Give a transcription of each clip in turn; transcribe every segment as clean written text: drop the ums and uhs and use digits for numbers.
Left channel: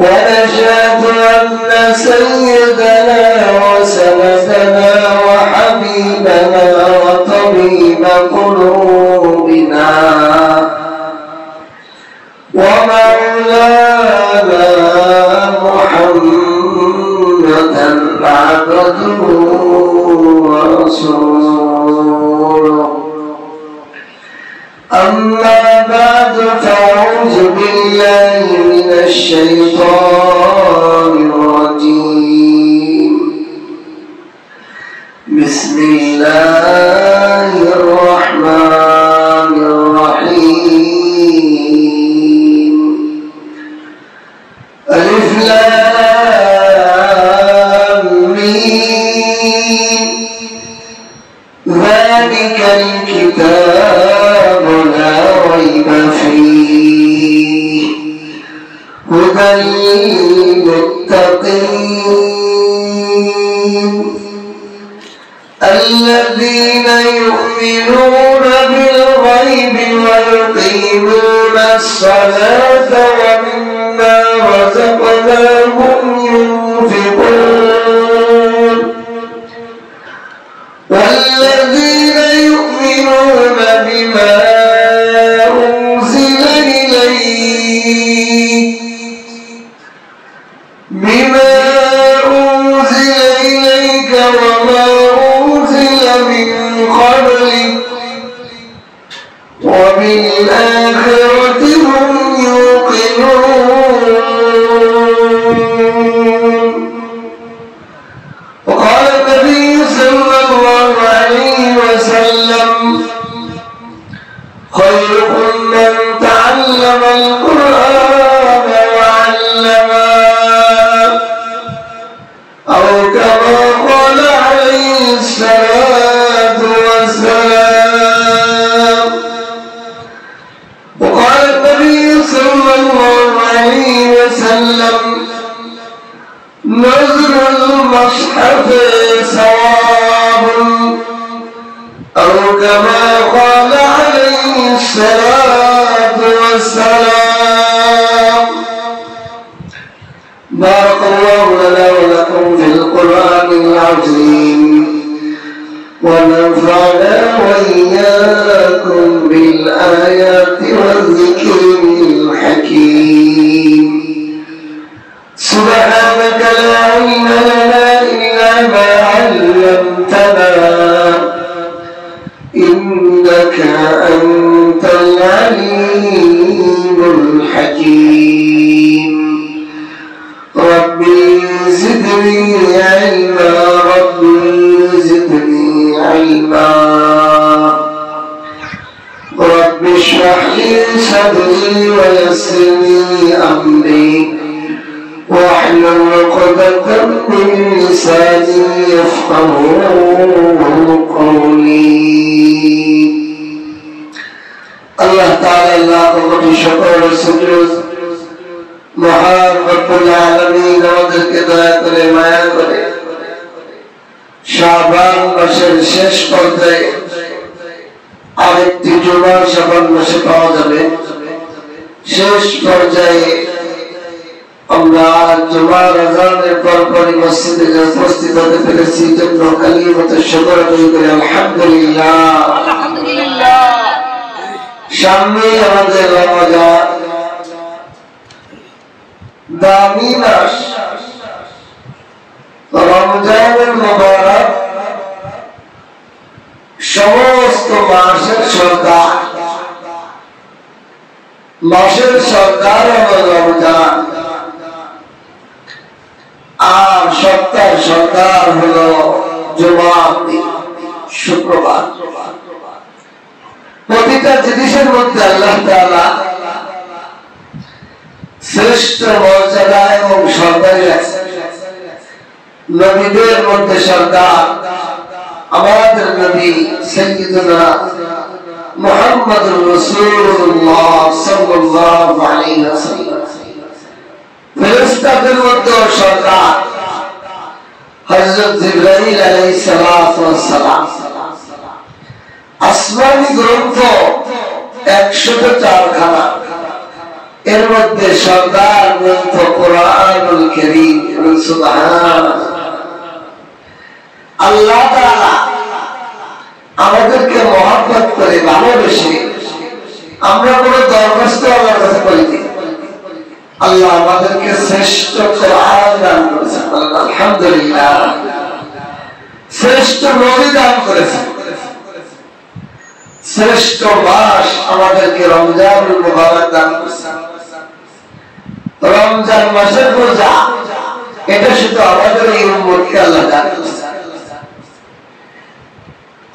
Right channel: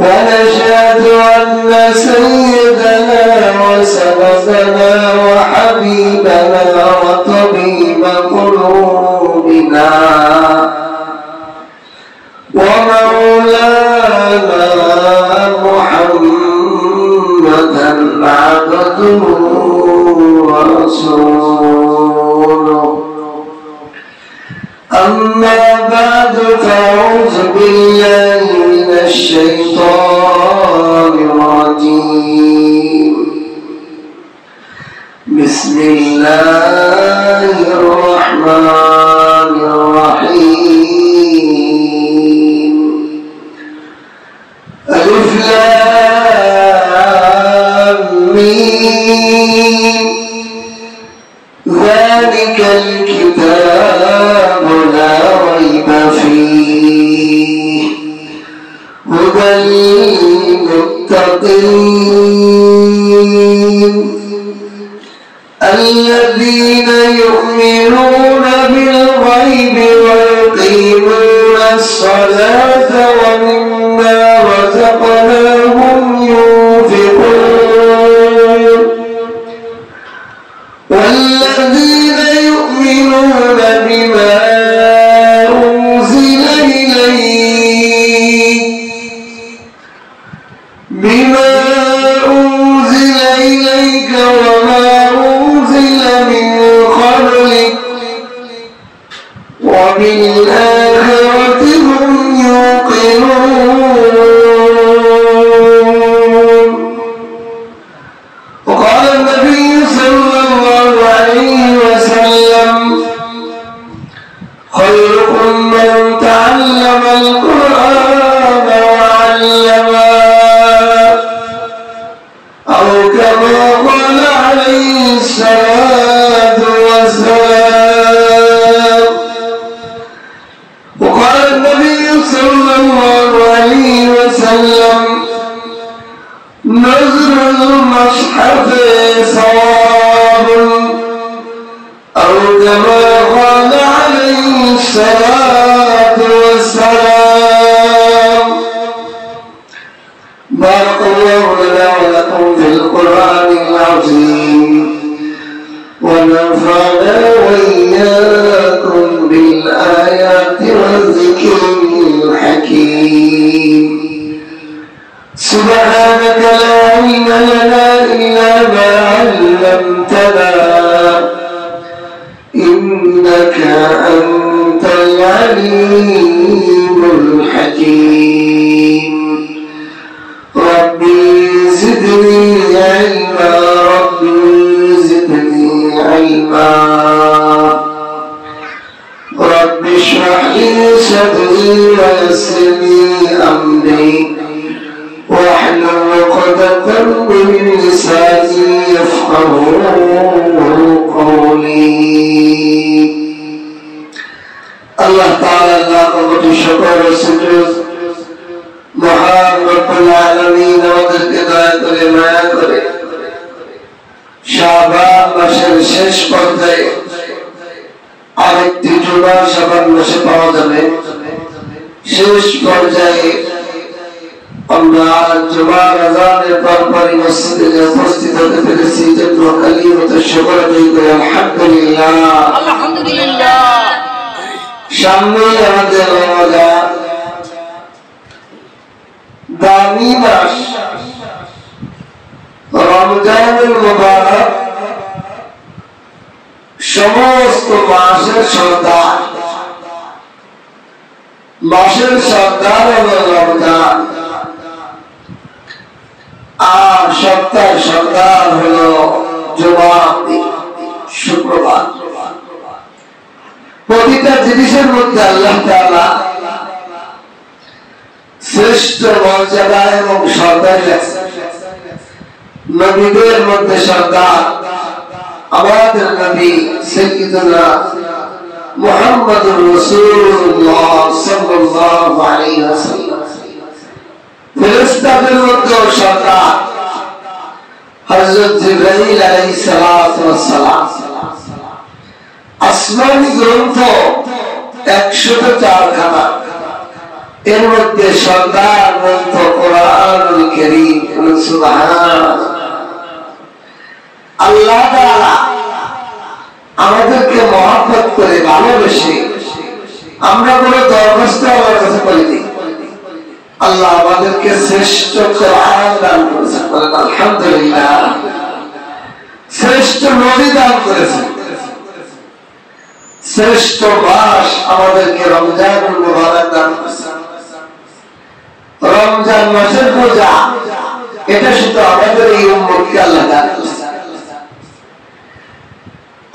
ونشهد أن سيدنا وسندنا وحبيبنا وطبيب قلوبنا ومولانا محمدا عبده ورسوله. أما بعد فأعوذ بالله من الشيطان الرجيم. بسم الله الرحمن الرحيم. ألف لام ميم. ذلك الكتاب لا ريب فيه هدى للمتقين الذين يؤمنون بالغيب ويقيمون الصلاة ومما رزقناهم ينفقون والذين يؤمنون بما أنزل إليك وما أنزل من قبلك وبالآخرة هم يوقنون. وقال النبي صلى الله عليه وسلم خيركم من تعلم القرآن وعلمه أو كما قال عليه الصلاة والسلام. وقال النبي صلى الله عليه وسلم نظر المصحف صواب أو كما قال عليه الصلاة والسلام. بارك الله لنا ولكم في القرآن العظيم ونفعنا وإياكم بالآيات والذكر الحكيم. سبحانك لا علم لنا إلا ما علمتنا إنك أنت العليم الحكيم. ربي زدني علما ربي زدني علما رب اشرح لي صدري ويسر لي أمري واحلل عقدة من لساني يفقهوا قولي. الله تعالى قبل شكر السجود মহান রব্বুল আলামিন আমাদেরকে দয়া করে মায়া করে শাবান মাসের শেষ পর্যায়ে আরেকটি জুমা শাবান মাসে পাওয়া যাবে। শেষ পর্যায়ে আমরা জুমার আযানের পরপরই মসজিদে উপস্থিত হতে পেরেছি জন্য কালিমাত শুকর আদায় করে আলহামদুলিল্লাহ আলহামদুলিল্লাহ। সামনে আমাদের রমজান দামি মাস রমজানুল মুবারক সমস্ত মাসের সর্দার মাসের সর্দার হলো রমজান আর সপ্তাহের সর্দার হলো জুমার দিন শুক্রবার। প্রতিটা জিনিসের মধ্যে আল্লাহ তাআলা শ্রেষ্ঠ মর্যাদা এবং সর্দারি আছে। নবীদের মধ্যে সর্দার আমাদের নবী সাইয়্যিদুনা মুহাম্মদুর রাসূলুল্লাহ সাল্লাল্লাহু আলাইহি ওয়াসাল্লাম। ফেরেশতাদের মধ্যে সর্দার হযরত জিবরাইল আলাইহিস সালাতু ওয়াস সালাম। আসমানী গ্রন্থ 104 খানা, এর মধ্যে সর্দার গ্রন্থ কোরআনুল কারীম। সুবহানাল্লাহ। আল্লাহ তাআলা আমাদেরকে মহব্বত করে ভালোবেসে আমরা কোনো দরখাস্ত আল্লাহর কাছে করিনি, আল্লাহ আমাদেরকে শ্রেষ্ঠ কোরআন দান করেছেন। বলেন আলহামদুলিল্লাহ। শ্রেষ্ঠ নবী দান করেছেন, শ্রেষ্ঠ মাস আমাদেরকে রমজানুল মুবারক দান করেছেন। রমজান মাসের পূজা এটা শুধু আমাদের এই উম্মতকে আল্লাহ দান করেছেন।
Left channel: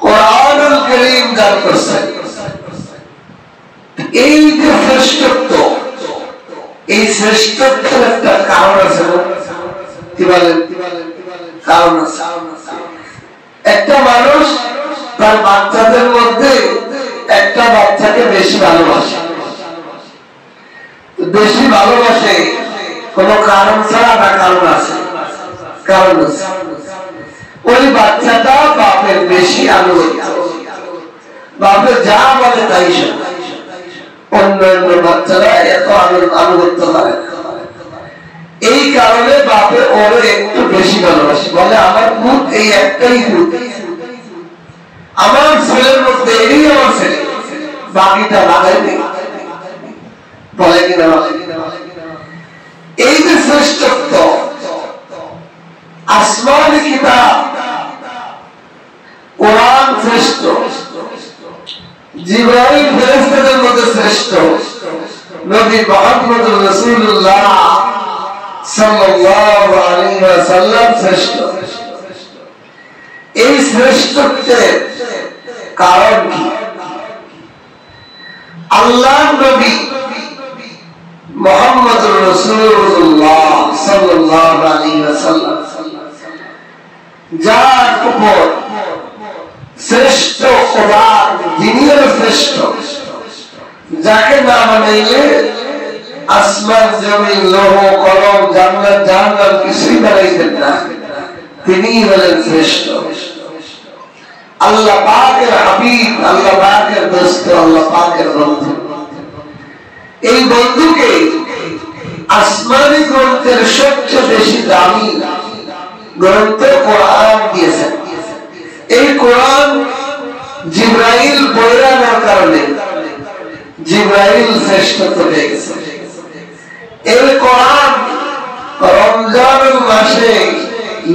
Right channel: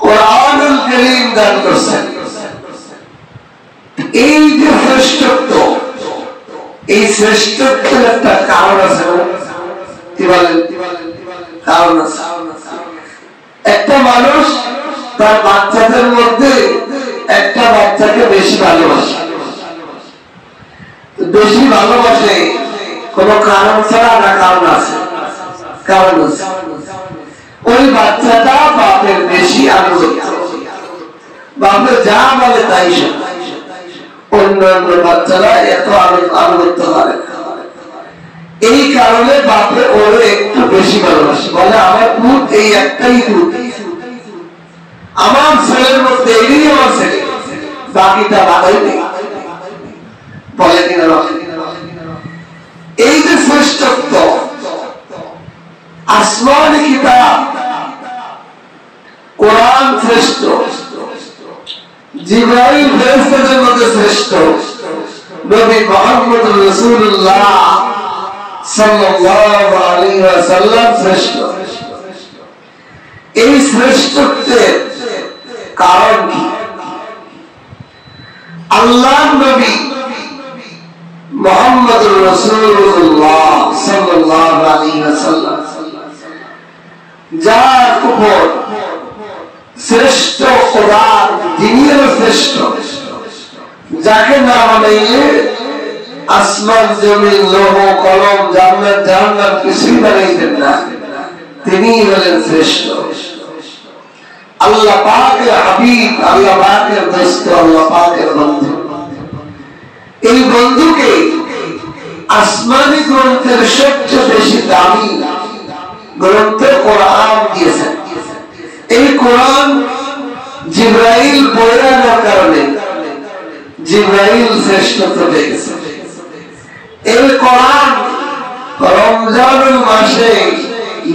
কোরআনুল কারীম দান করেছেন। এই যে শ্রেষ্ঠত্ব, এই শ্রেষ্ঠত্বের একটা কারণ আছে। কি বলেন? কারণ আছে। একটা মানুষ তার বাচ্চাদের মধ্যে একটা বাচ্চাকে বেশি ভালোবাসে, বেশি ভালোবাসে কোন কারণ ছাড়া না, কারণ আছে। কারণ আছে, ওই বাচ্চাটা বাপের বেশি আনুগত্য, বাপে যা বলে তাই শোনে। অন্য অন্য বাচ্চারা এত আনুগত্য করে, এই কারণে বাপে ওরে একটু বেশি ভালোবাসে। বলে আমার দুধ এই একটাই দুধ, আমার ছেলের মধ্যে এই আমার ছেলে, বাকিটা বাধাই নেই। বলে কিনা? এই যে শ্রেষ্ঠত্ব, আসমানি কিতাব কোরআন শ্রেষ্ঠ, জিবরাইল ফেরেশতাদের মধ্যে শ্রেষ্ঠ, নবী মুহাম্মদ রাসূলুল্লাহ সাল্লাল্লাহু আলাইহি ওয়াসাল্লাম শ্রেষ্ঠ। এই শ্রেষ্ঠত্বের কারণ কি? আল্লাহর নবী মুহাম্মদ রাসূলুল্লাহ সাল্লাল্লাহু আলাইহি ওয়াসাল্লাম যার উপর শ্রেষ্ঠ কোরআন, যিনি হলেন শ্রেষ্ঠ, যাকে না মানলে আসমান জমিন লৌহ কলম জান্নাত জাহান্নাম কিছুই দাঁড়াইতেন না, তিনি হলেন শ্রেষ্ঠ। আল্লাহ পাকের হাবিব, আল্লাহ পাকের দোস্ত, আল্লাহ পাকের বন্ধু। এই বন্ধুকে আসমানি গ্রন্থের সবচেয়ে বেশি দামি গ্রন্থ কোরআন দিয়েছেন। এই কোরআন জিবরাইল বয়ানের কারণে জিবরাইল শ্রেষ্ঠত্ব পেয়ে গেছে। এই কোরআন রমজানুল মাসে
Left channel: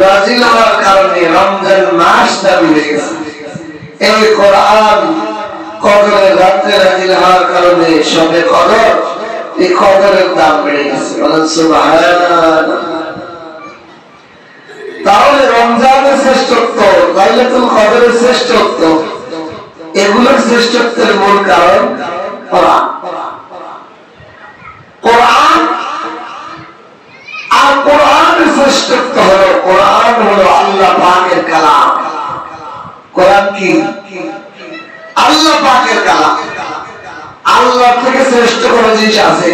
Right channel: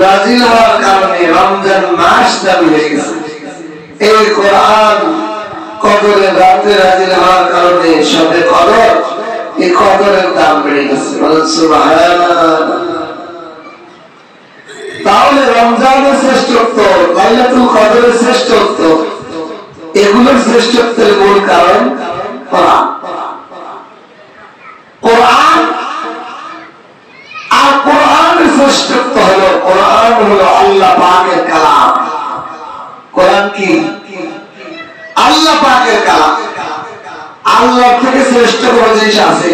নাজিল হওয়ার কারণে রমজান মাস দাবি হয়ে গেছে। এই কোরআন কদরের রাতে নাজিল হওয়ার কারণে সবে কদর, এই কদরের দাম বেড়ে গেছে। বলেন সুবহানাল্লাহ। তাহলে রমজানের শ্রেষ্ঠত্ব, লাইলাতুল কদরের শ্রেষ্ঠত্ব, এগুলোর শ্রেষ্ঠত্বের মূল কারণ কোরআন। কোরআন আর কোরআনের শ্রেষ্ঠত্ব হলো, কোরআন হলো আল্লাহ পাকের কালাম। কোরআন কি? আল্লাহ পাকের কালাম। আল্লাহ থেকে শ্রেষ্ঠ কোন জিনিস আছে?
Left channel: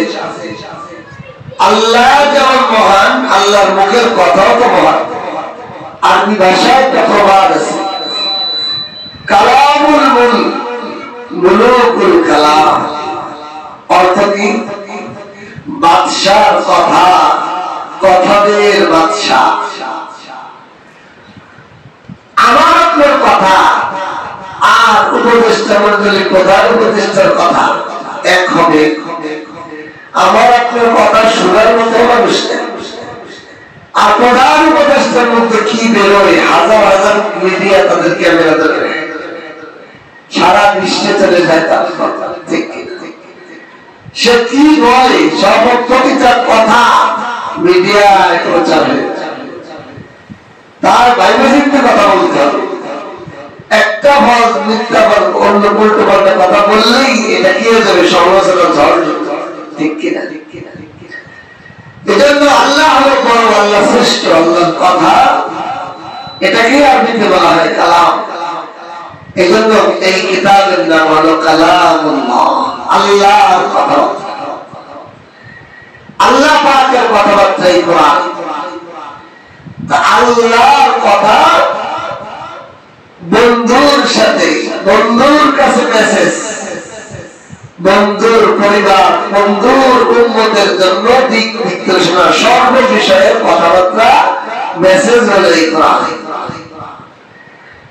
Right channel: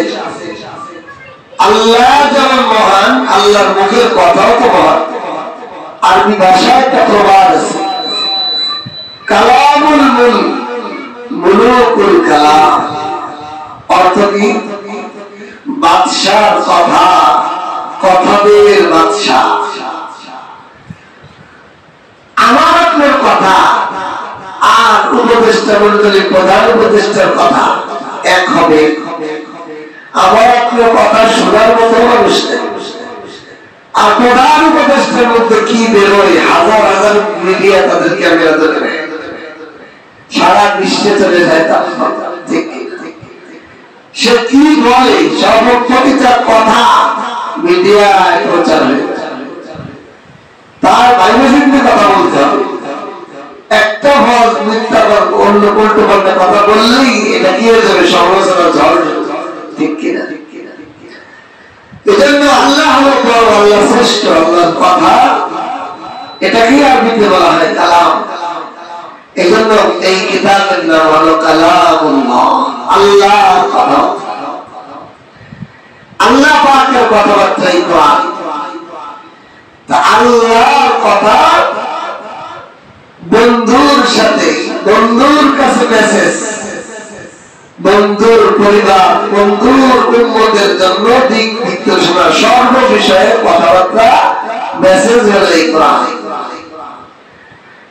আল্লাহ যেমন মহান, আল্লাহর মুখের কথাও তো মহান। আরবি ভাষায় একটা প্রবাদ আছে, কালামুল মুলক মুলুকুল কালাম। অর্থ কি? বাদশার কথা, কথাদের বাদশা। আমার আপনার কথা আর উপদেষ্টা মন্ডলী প্রধান উপদেষ্টার কথা এক হবে। আমার আপনার কথা শোনার মতো মানুষ নেই। আর প্রধান উপদেষ্টার মধ্যে কি বেরোয়, হাজার হাজার মিডিয়া তাদের ক্যামেরা ধরে সারা বিশ্বে চলে যায়। তার সে কি বলে, সর্বপ্রতিটা কথা মিডিয়ায় প্রচার হয়ে যায়। তার বাইরে চিন্তে কথা বলতে হবে। একটা ভজ মিথ্যা অন্য উল্টো পাল্টা কথা বললেই এটা কি হয়ে যাবে, সমালোচনার ঝড়। ঠিক কিনা? এজন্য আল্লাহ হলো বড়, আল্লাহ শ্রেষ্ঠ, আল্লাহর কথা এটাকে আরবিতে বলা হয় কালাম। এজন্য এই কিতাবের নাম হলো কালামুল্লাহ, আল্লাহর কথা। আল্লাহ পাকের কথাবার্তাই কোরআন। আল্লাহর কথা বন্ধুর সাথে, বন্ধুর কাছে মেসেজ, বন্ধুর পরিবার বন্ধুর উম্মতের জন্য দিক নির্দেশনা সর্ব বিষয়ে কথাবার্তা মেসেজ হলো এই কোরআন।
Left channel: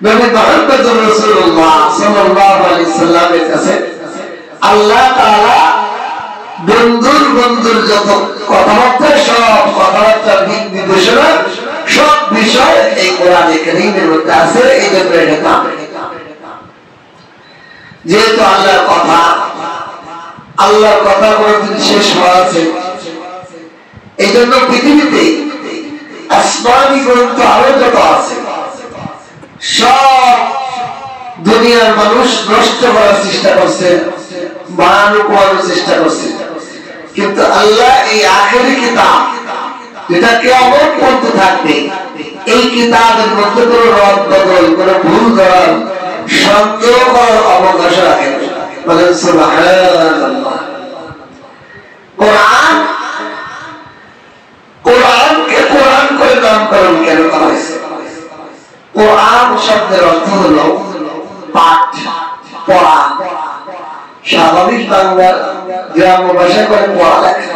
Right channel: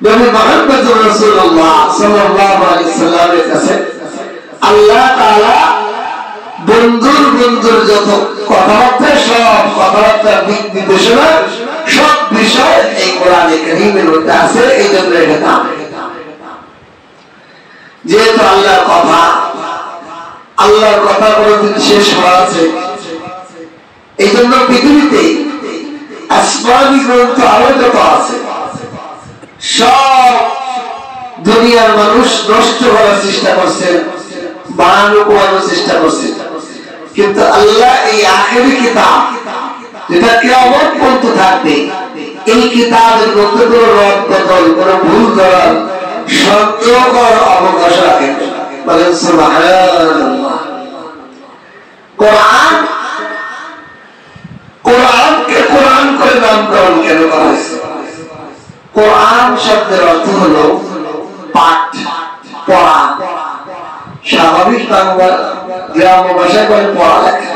নবী মুহাম্মদুর রাসূলুল্লাহ সাল্লাল্লাহু আলাইহি সাল্লামের কাছে আল্লাহ তাআলা বন্ধুর যত কথাবার্তা সব কথাবার্তার দিক নির্দেশনা সব বিষয় এই কোরআনে কারীমের মধ্যে আছে। এই জন্য এটা দাম। যেহেতু আল্লাহর কথা কোনদিন শেষ হওয়া আছে, এই জন্য পৃথিবীতে আসমানি গ্রন্থ আরো যত আছে সব দুনিয়ার মানুষ নষ্ট করার চেষ্টা করছে, বানানো কোয়ানোর চেষ্টা করছে, কিন্তু আল্লাহ এই আখেরি কিতাব যেটা কিয়ামত পর্যন্ত থাকবে, এই কিতাবের মধ্যে কোনো রদ বদল, কোনো ভুল করার সন্দেহকর অবকাশ রাখেন। বলেন সুবহানাল্লাহ। কোরআনকে কোরআন করে নামকরণ কেন করা হয়েছে? কোরআন শব্দের অর্থ হলো পাঠ, পড়া। স্বাভাবিক বাংলা গ্রাম্য ভাষায় করে পড়ালেখা,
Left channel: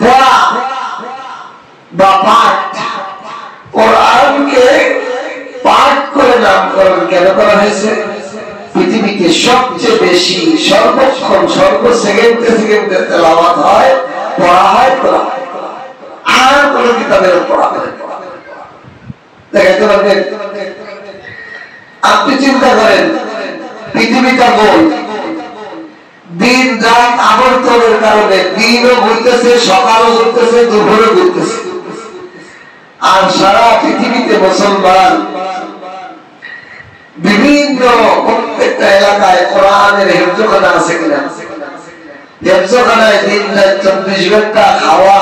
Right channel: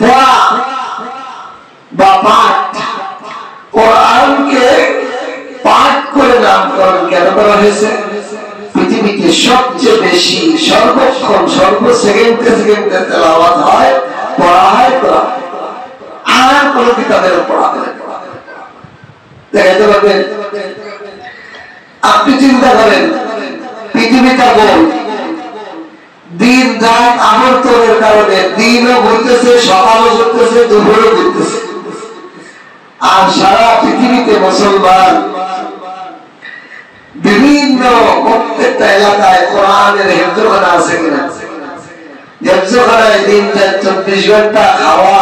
পড়া বা পাঠ। কোরআনকে পাঠ করে নামকরণ কেন করা হয়েছে? পৃথিবীতে সবচেয়ে বেশি সর্বক্ষণ সেকেন্ডে তেলাওয়াত হয়, পড়া হয় কোরআন। আর কোন কিতাবের পড়া হয় দেখাতে পারবেন? আপনি চিন্তা করেন, পৃথিবীটা গোল, দিন রাত আবর্তনের কারণে দিনও ঘুরতেছে, সকালও ঘুরতেছে, দুপুরও ঘুরতেছে। আর সারা পৃথিবীতে মুসলমান বিভিন্ন প্রত্যেকটা এলাকায় কোরআনের হেফজখানা আছে কিনা? হেফজখানায় দিন রাত 24 ঘন্টা খাওয়া,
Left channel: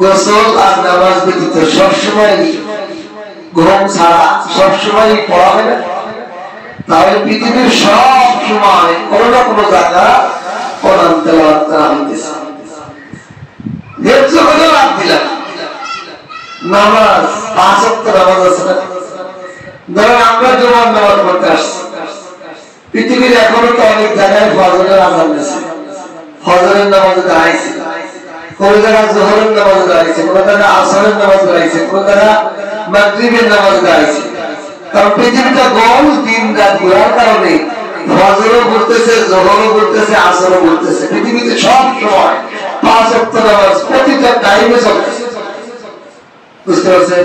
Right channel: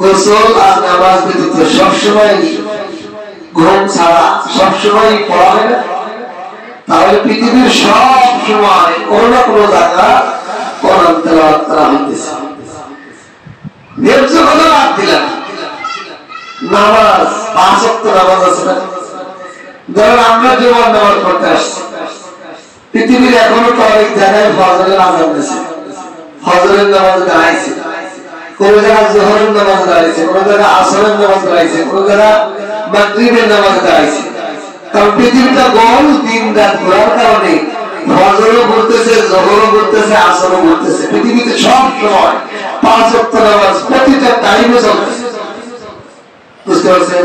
গোসল আর নামাজ ব্যতীত সবসময় ঘুম ছাড়া সবসময় পড়া হয় না? তাহলে পৃথিবীর সব সময় কোন না কোন জায়গা কোরআন তেলাওয়াত করা হইতেছে। হেফজখানা বাদ দিলাম, নামাজ 5 ওয়াক্ত নামাজ আছে না? ধরেন আমরা জুমার নামাজ পড়তে আসছি, পৃথিবীর এখনো তো অনেক জায়গায় ফজরের আযান আছে, ফজরের নামাজে দাঁড়াইছে, কোন জায়গায় যোহরের নামাজে দাঁড়াইছে, কোন জায়গায় আসরের নামাজ দাঁড়াইছে, কোন জায়গায় মাগরিবের নামাজে দাঁড়াইছে। কারণ পৃথিবীটা গোল, দিন রাত ঘোরার কারণে ফজরও পড়তেছে, যোহরও পড়তেছে, আসরও পড়তেছে। পৃথিবীতে সব সময় 5 ওয়াক্ত নামাজ প্রতিটা টাইমে চলতেছে। বুঝতে পারছেন?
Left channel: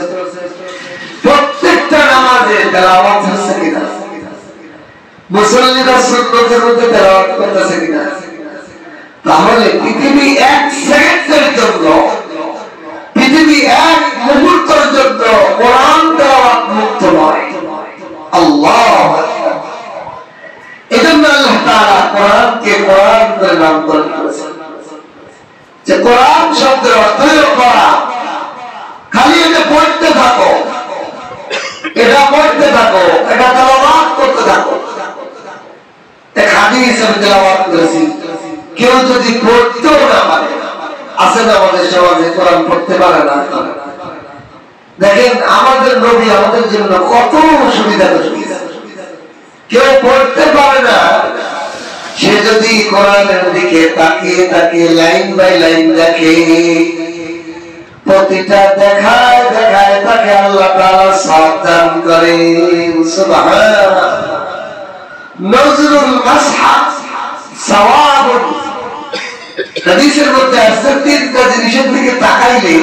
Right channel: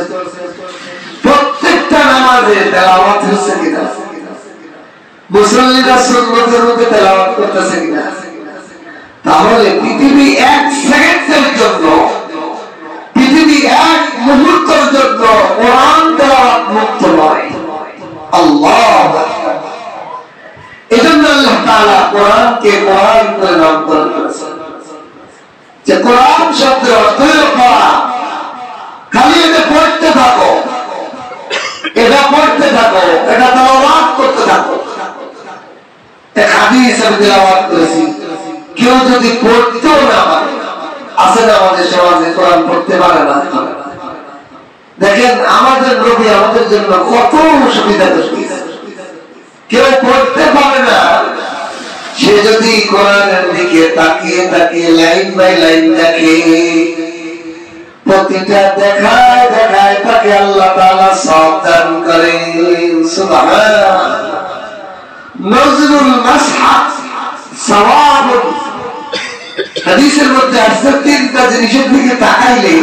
প্রত্যেকটা নামাজে তেলাওয়াত হচ্ছে কিনা? মুসল্লিরা সুন্নতের মধ্যে তেলাওয়াত করতেছে কিনা? তাহলে পৃথিবী 1 সেকেন্ডের জন্য, পৃথিবী 1 মুহূর্তের জন্য কোরআন তেলাওয়াত মুক্ত নয়। আল্লাহু আকবার। এজন্য আল্লাহ তাআলা কোরআনকে কোরআন করে নামকরণ করেছেন। যে কোরআন শব্দের অর্থ হলো পড়া। খালি এটা পড়তে থাকো, এটা পড়তে থাকো, এটা তেলাওয়াত করতে থাকো। এক হাদিস আমি তেলাওয়াত করেছি, কেউ যদি পড়তেও না পারে, আছে না আমাদের সমাজে কোরআন পড়তে পারে না। দেখেন আমাদের নবী আমাদের জন্য কত সুবিধা দিয়েছে। কেউ পড়তে পারে না, সে যদি কোরআনের দিকে তাকিয়ে তাকিয়ে লাইন বাই লাইন দেখে, প্রতিটা দেখায় দেখায় তাকে আল্লাহ তাআলা সওয়াব দান করেন। সুবহানাল্লাহ। নজরুল মাসহাফ সওয়াব। হাদিসের মধ্যে আছে 3টা জিনিসের দিকে তাকাইলে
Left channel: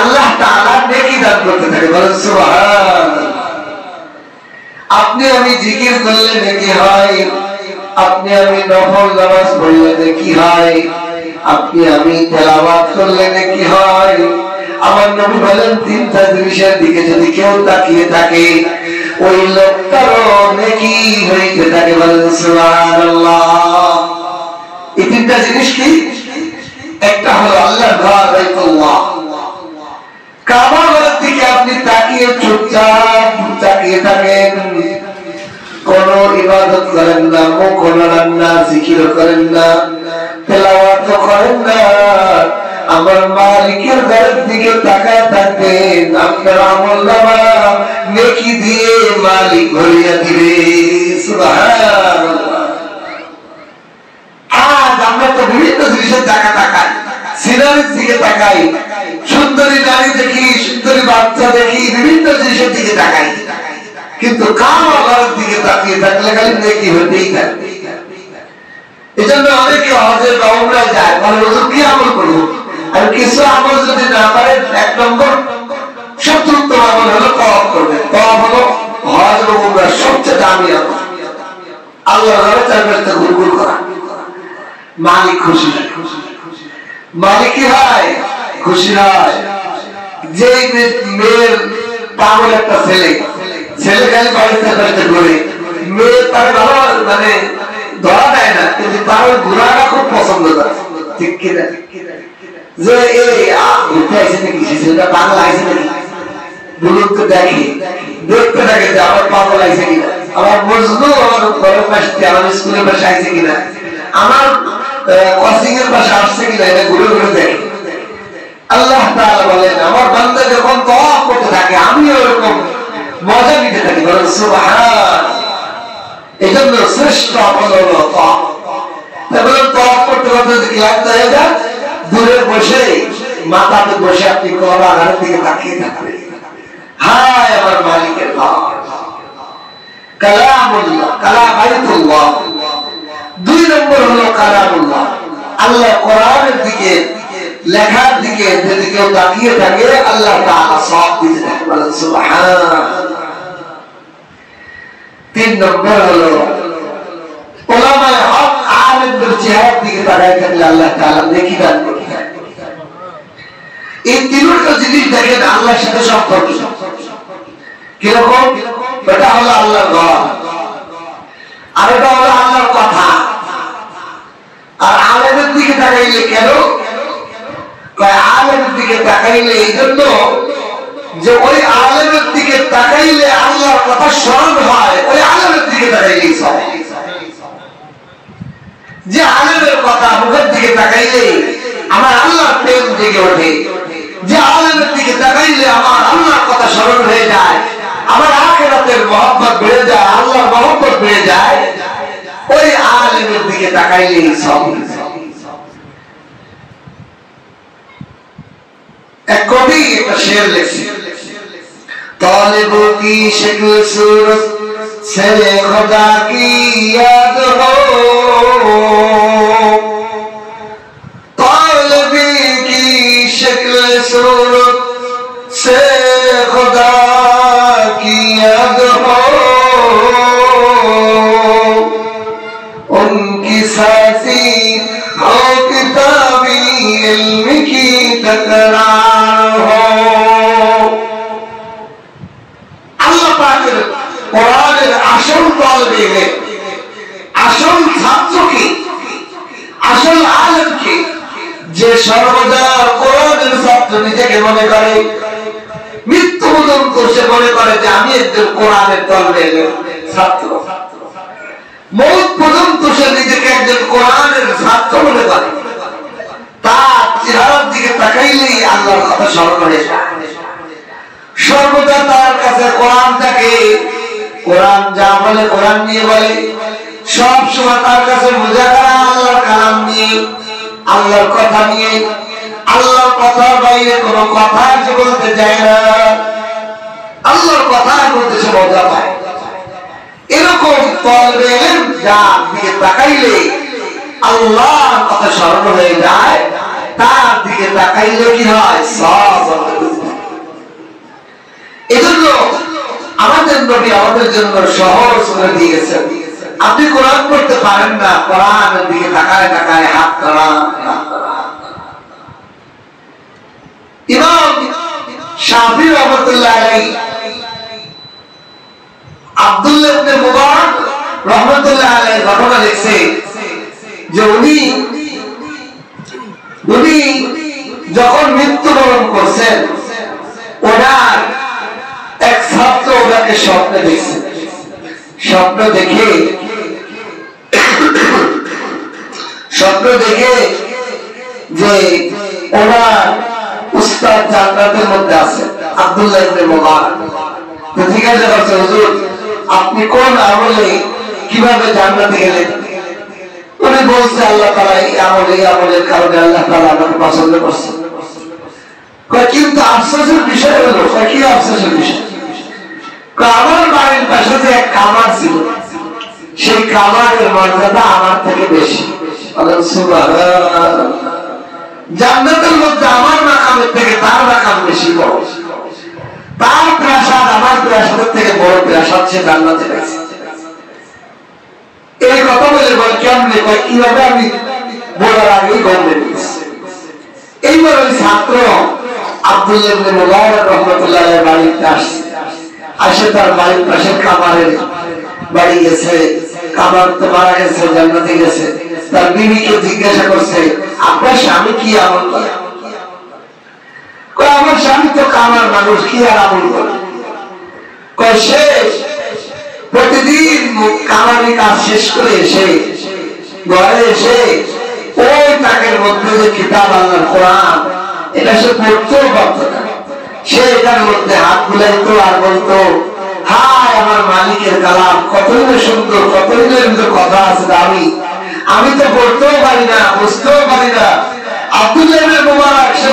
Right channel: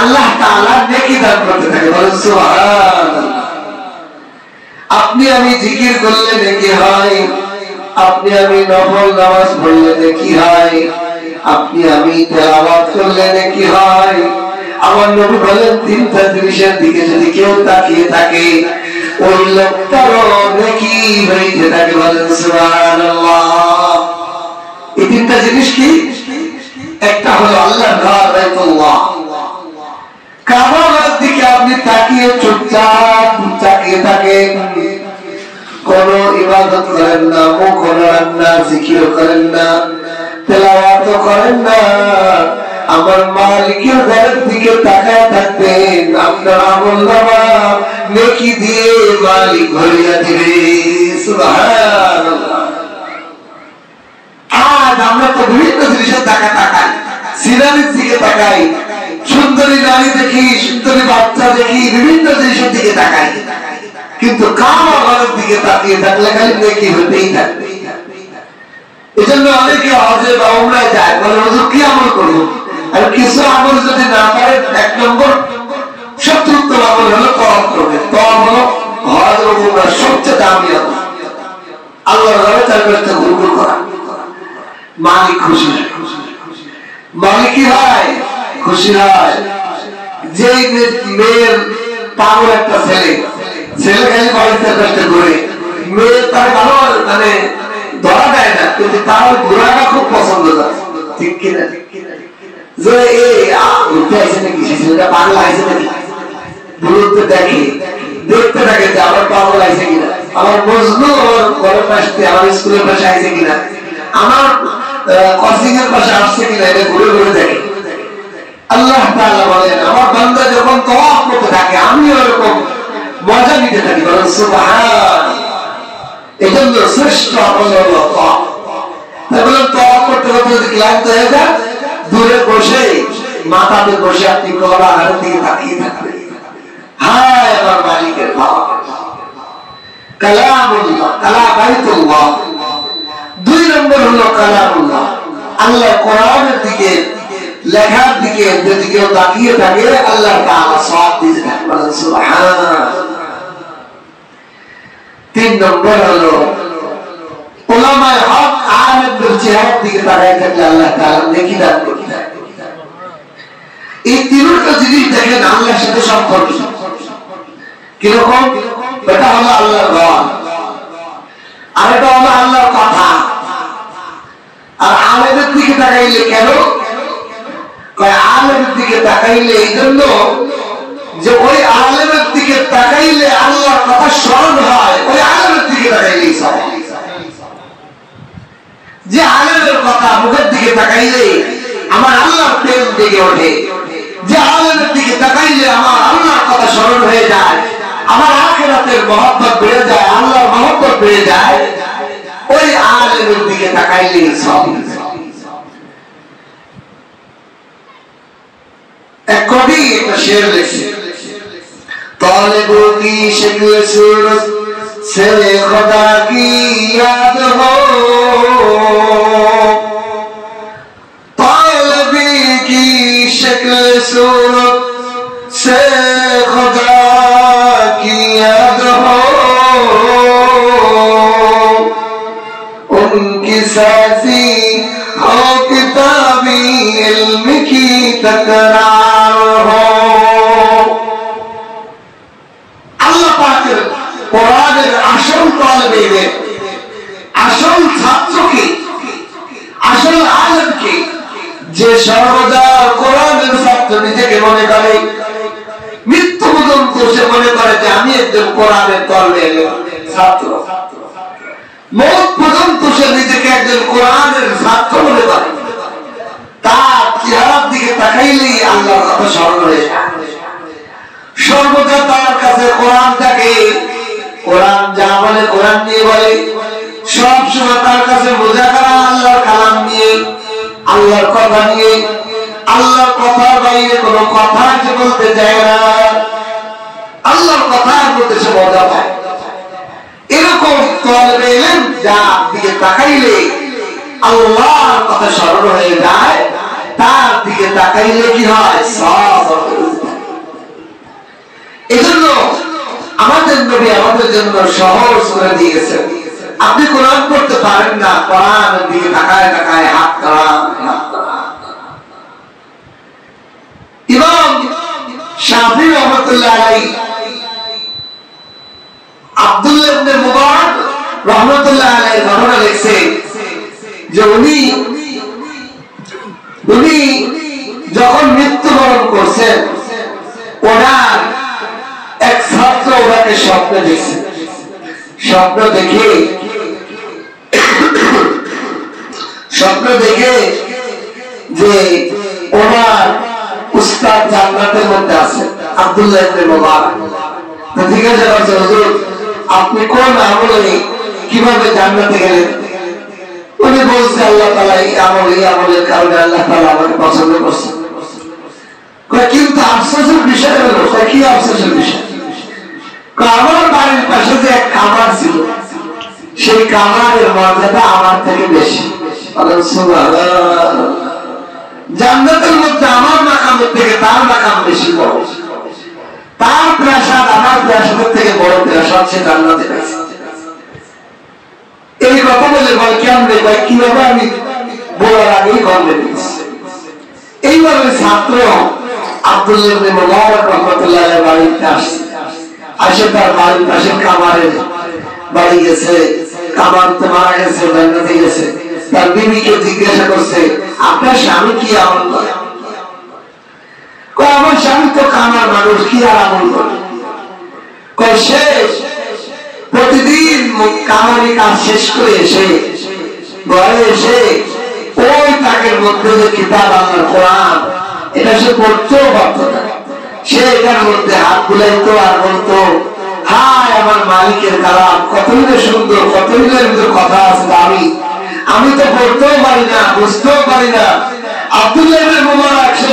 আল্লাহ তাআলা নেকি দান করতে থাকে। বলেন সুবহানাল্লাহ। আপনি আমি জিকির করলে নেকি হয়, আপনি আমি নফল নামাজ পড়লে নেকি হয়, আপনি আমি তেলাওয়াত করলে নেকি হয়। আমার নবী বলেন 3টা জিনিসের দিকে যদি কেউ তাকিয়ে থাকে, ওই লোকটারও নেকি হইতে থাকে। বলেন সুবহানাল্লাহ। এই 3টা জিনিস কি? একটা হলো আল্লাহর ঘর বাইতুল্লাহ, কাবার দিকে আপনি তাকিয়ে চুপচাপ তাকিয়ে থাকেন, কোন ইবাদত করেন না, মুখ খোলেন না, জিকির করেন না, তেলাওয়াত করেন না, আমার মালিকের ঘরের দিকে তাকায় থাকবেন, আপনার আমলনামা নেকি দিয়ে মালিক ভরিয়া দিবে। সুবহানাল্লাহ। আমরা তো বিভিন্ন জিনিসের তাকাই, সিনারির দিকে তাকাই, সুন্দরী নারী দেখি, সুন্দরী বাচ্চা দেখি, বিভিন্ন জিনিসের দিকে তাকাই, কিন্তু কাবা ঘরের দিকে তাকিয়ে থাকলে খালি নেকি হতেই থাকবে। এজন্য অনেকে হজে বা উমরায় যায়, বলে হুজুর কি আমল করবো? আর কিছু আমল যদি না পারে, 1 নম্বর সবচেয়ে উত্তম আমল হলো তওয়াফ করবে। তওয়াফ হলো হজ ও উমরার সবচেয়ে দামি আমল। আল্লাহর ঘরে চারপাশে ঘুরঘুর করা, মালিক খুশি হয়। মালিক কি হয়? খুশি হয়। যে মেয়ের পাগল একটা ছেলে খালি বাড়িতে বাড়িতে ঘুরে, মেয়ে তার ভালো মানে ধরা দেয় না, কিন্তু তার ওই ঘোরাটা খুব পছন্দ করে, ঠিক কিনা? যে ঘুরতে আসে নাকি, সেটা পাগল আসে নাকি, বুলুতে দেখে, দেখতে থাকে যে আমার পাগল আসে কিনা, আমার মজনু আমার ঘরের পাশে, আমার স্কুলের পাশে আসে কিনা, আমার কোচিং এর পাশে আসছে কিনা, এটা ঘুরে ঘুরে দেখে। আল্লাহ তাআলা বলেন, আমার বান্দা যখন তওয়াফ করতে থাকে আমিও এরকম মজা নিতে থাকি। বলেন সুবহান। এজন্য শ্রেষ্ঠ আমল হলো তওয়াফ। তাই বলেন তওয়াফ করতে করতে যদি ক্লান্ত হয়ে যায়, দূরে বসে মাথাতে বসে আপনি কাবার ঘরের দিকে তাকিয়ে থাকবেন, হায় আমার মালিকের ঘর, কালামুল্লাহ, কালামাইতুল্লাহ। 2 নম্বর হলো কালামুল্লাহ, আল্লাহ কোরআনের দিকে, লেখার দিকে যদি কেউ তাকিয়ে থাকে আল্লাহ তাআলা সওয়াব দিতে থাকে। বলেন সুবহান। 3 নম্বর হলো উলামায়ে হক আলেমদের চেহারার দিকে তাকিয়ে থাকলে আল্লাহ তাআলা নেকি দান করতে থাকে। এই তিনটা জিনিস দেখেন আল্লাহর সাথে সম্পর্কিত। কিরকম? এটা হলো আল্লাহর ঘর, আর এটা হলো আল্লাহর কথা। আর আলেমের দিকে তাকাইলে কেন? আলেমের দিকে তাকাইলে এই জন্য যে ওই আলেমের দিকে তাকাইলে আল্লাহর কথা স্মরণ হয়, ওই আলেমের দিকে তাকাইলেই হয়। যে আলেমের কথা মুখের দিকে তাকাইলে আমার আল্লাহর প্রেম জেগে ওঠে, যে আলেমের দিকে তাকাইলে আমার আল্লাহর কথা স্মরণ হয়ে যায়, আমার আখিরাতের মহব্বত বেড়ে যায়, আল্লাহর মহব্বত বেড়ে যায়, ওই আলেমের দিকে তাকাইলেই সব। এক কবি একটা শের লিখছে, তালেবো কি শক্ল सूरत से खुदा की याद हो, तालिबी की शक्ल सूरत से खुदा की याद हो, उनकी साथी हो किताबी इल्म की तकरार हो। अल्लाह पाक কোরআনের আসল তালেবে, আসল ছাত্রকে, আসল আলেমকে, যে সর্বদা কোরআনের ছাত্র নিজেকে মনে করে, মৃত্যু পর্যন্ত সে মনে করে যে আমি একজন কোরআনের তালেবে ছাত্র, মৌত পর্যন্ত সে নিজেকে একজন কোরআনের ছাত্র মনে করে, তার চেহারার দিকে তাকাইলেই আল্লাহর কথা স্মরণ হয়ে যায়। সর্বদা তার কাছে কোরআন থাকে, কোরআন যা বলে কোরআন নিয়ে বলে, সব সময় তার কাছে মুজাকারা আল্লাহর কালাম নিয়ে, আল্লাহর কথা নিয়ে, আল্লাহর কথার বাইরে কোনো কথা সে বলতে চায় না, আল্লাহর কথার মধ্যে সে মজা পায়। এরকম তালেবে ইলম যার দিকে তাকাইলে আল্লাহর কথা স্মরণ হয়ে যায়, তার দিকে তাকাইলে কি হয়? সব। এজন্য আমাদের নবী আমাদের জন্য সহজ করে দিয়েছেন। আপনি কোরআন পড়তে পারেন না, কোরআনের দিকে তাকায় তাকায় হাত নাড়ান। ইমাম শাফি রাহমাতুল্লাহ আলাইহি আব্দুল্লাহ ইবনে মুবারক রাহমাতুল্লাহ আলাইহি ঘটনা লিখছে যে উনি যখন মৃত্যুবরণ করছেন, ওনার এক ছাত্র ওনাকে স্বপ্ন দেখছে। স্বপ্ন দেখে যে ওনার উস্তাদ জান্নাতের মধ্যে আছে, আব্দুল্লাহ ইবনে মুবারক। তো ঠিক আছে হুজুর, আপনি কোন আমলে কিভাবে জান্নাতে গেলেন? উনি বলছে আল্লাহ তাআলা এই আমলের কারণে আল্লাহ তাআলা আমাকে পছন্দ করছেন। কিন্তু আফসোসের বিষয় হলো, কি আফসোসের বিষয়, আমার বাড়ির পাশে যে এক কামার ছিল, সেই কামারের মর্যাদা আমার থেকে বেশি। জান্নাতের মধ্যে আমার মাকামের থেকে তার মাকাম বেশি বড়, তার প্রাসাদ আমার প্রাসাদের থেকে বড় প্রাসাদ সে জান্নাতে পাইছে। এই কথা বলে কেমন কিভাবে আমি বলার আগেই গন্ধে দিয়েছি। এইবার ওই ছাত্র আব্দুল্লাহ ইবনে মুবারক রাহমাতুল্লাহ আলাইহি বাড়িতে আসে তার বাড়ির পাশে কামারের বাড়ি গেছে। কামার তো মারা গেছে, জান্নাতে গেছে। তার বিবিকে জিজ্ঞাসা করছে, আপনার স্বামী কি আমল করে? আমার স্বামী তো কামার মানুষ, কি আর আমল করে? সে প্রতিদিন কামারি কাজ শেষ করে এসে ঘরে এসে ওই তাকের মধ্যে যে কিতাব আল্লাহর কোরআন, এটা সে পড়তেও পারত না। সে এটার মধ্যে হাত বুলাইতো আর বলতো, হায় আমার মালিকের কালাম, কতই না সুন্দর, কতই না কথা আছে দামি, আমি তো পড়তেও পারি না, বুঝতেও পারি না। আব্দুল্লাহ ইবনে মুবারক সে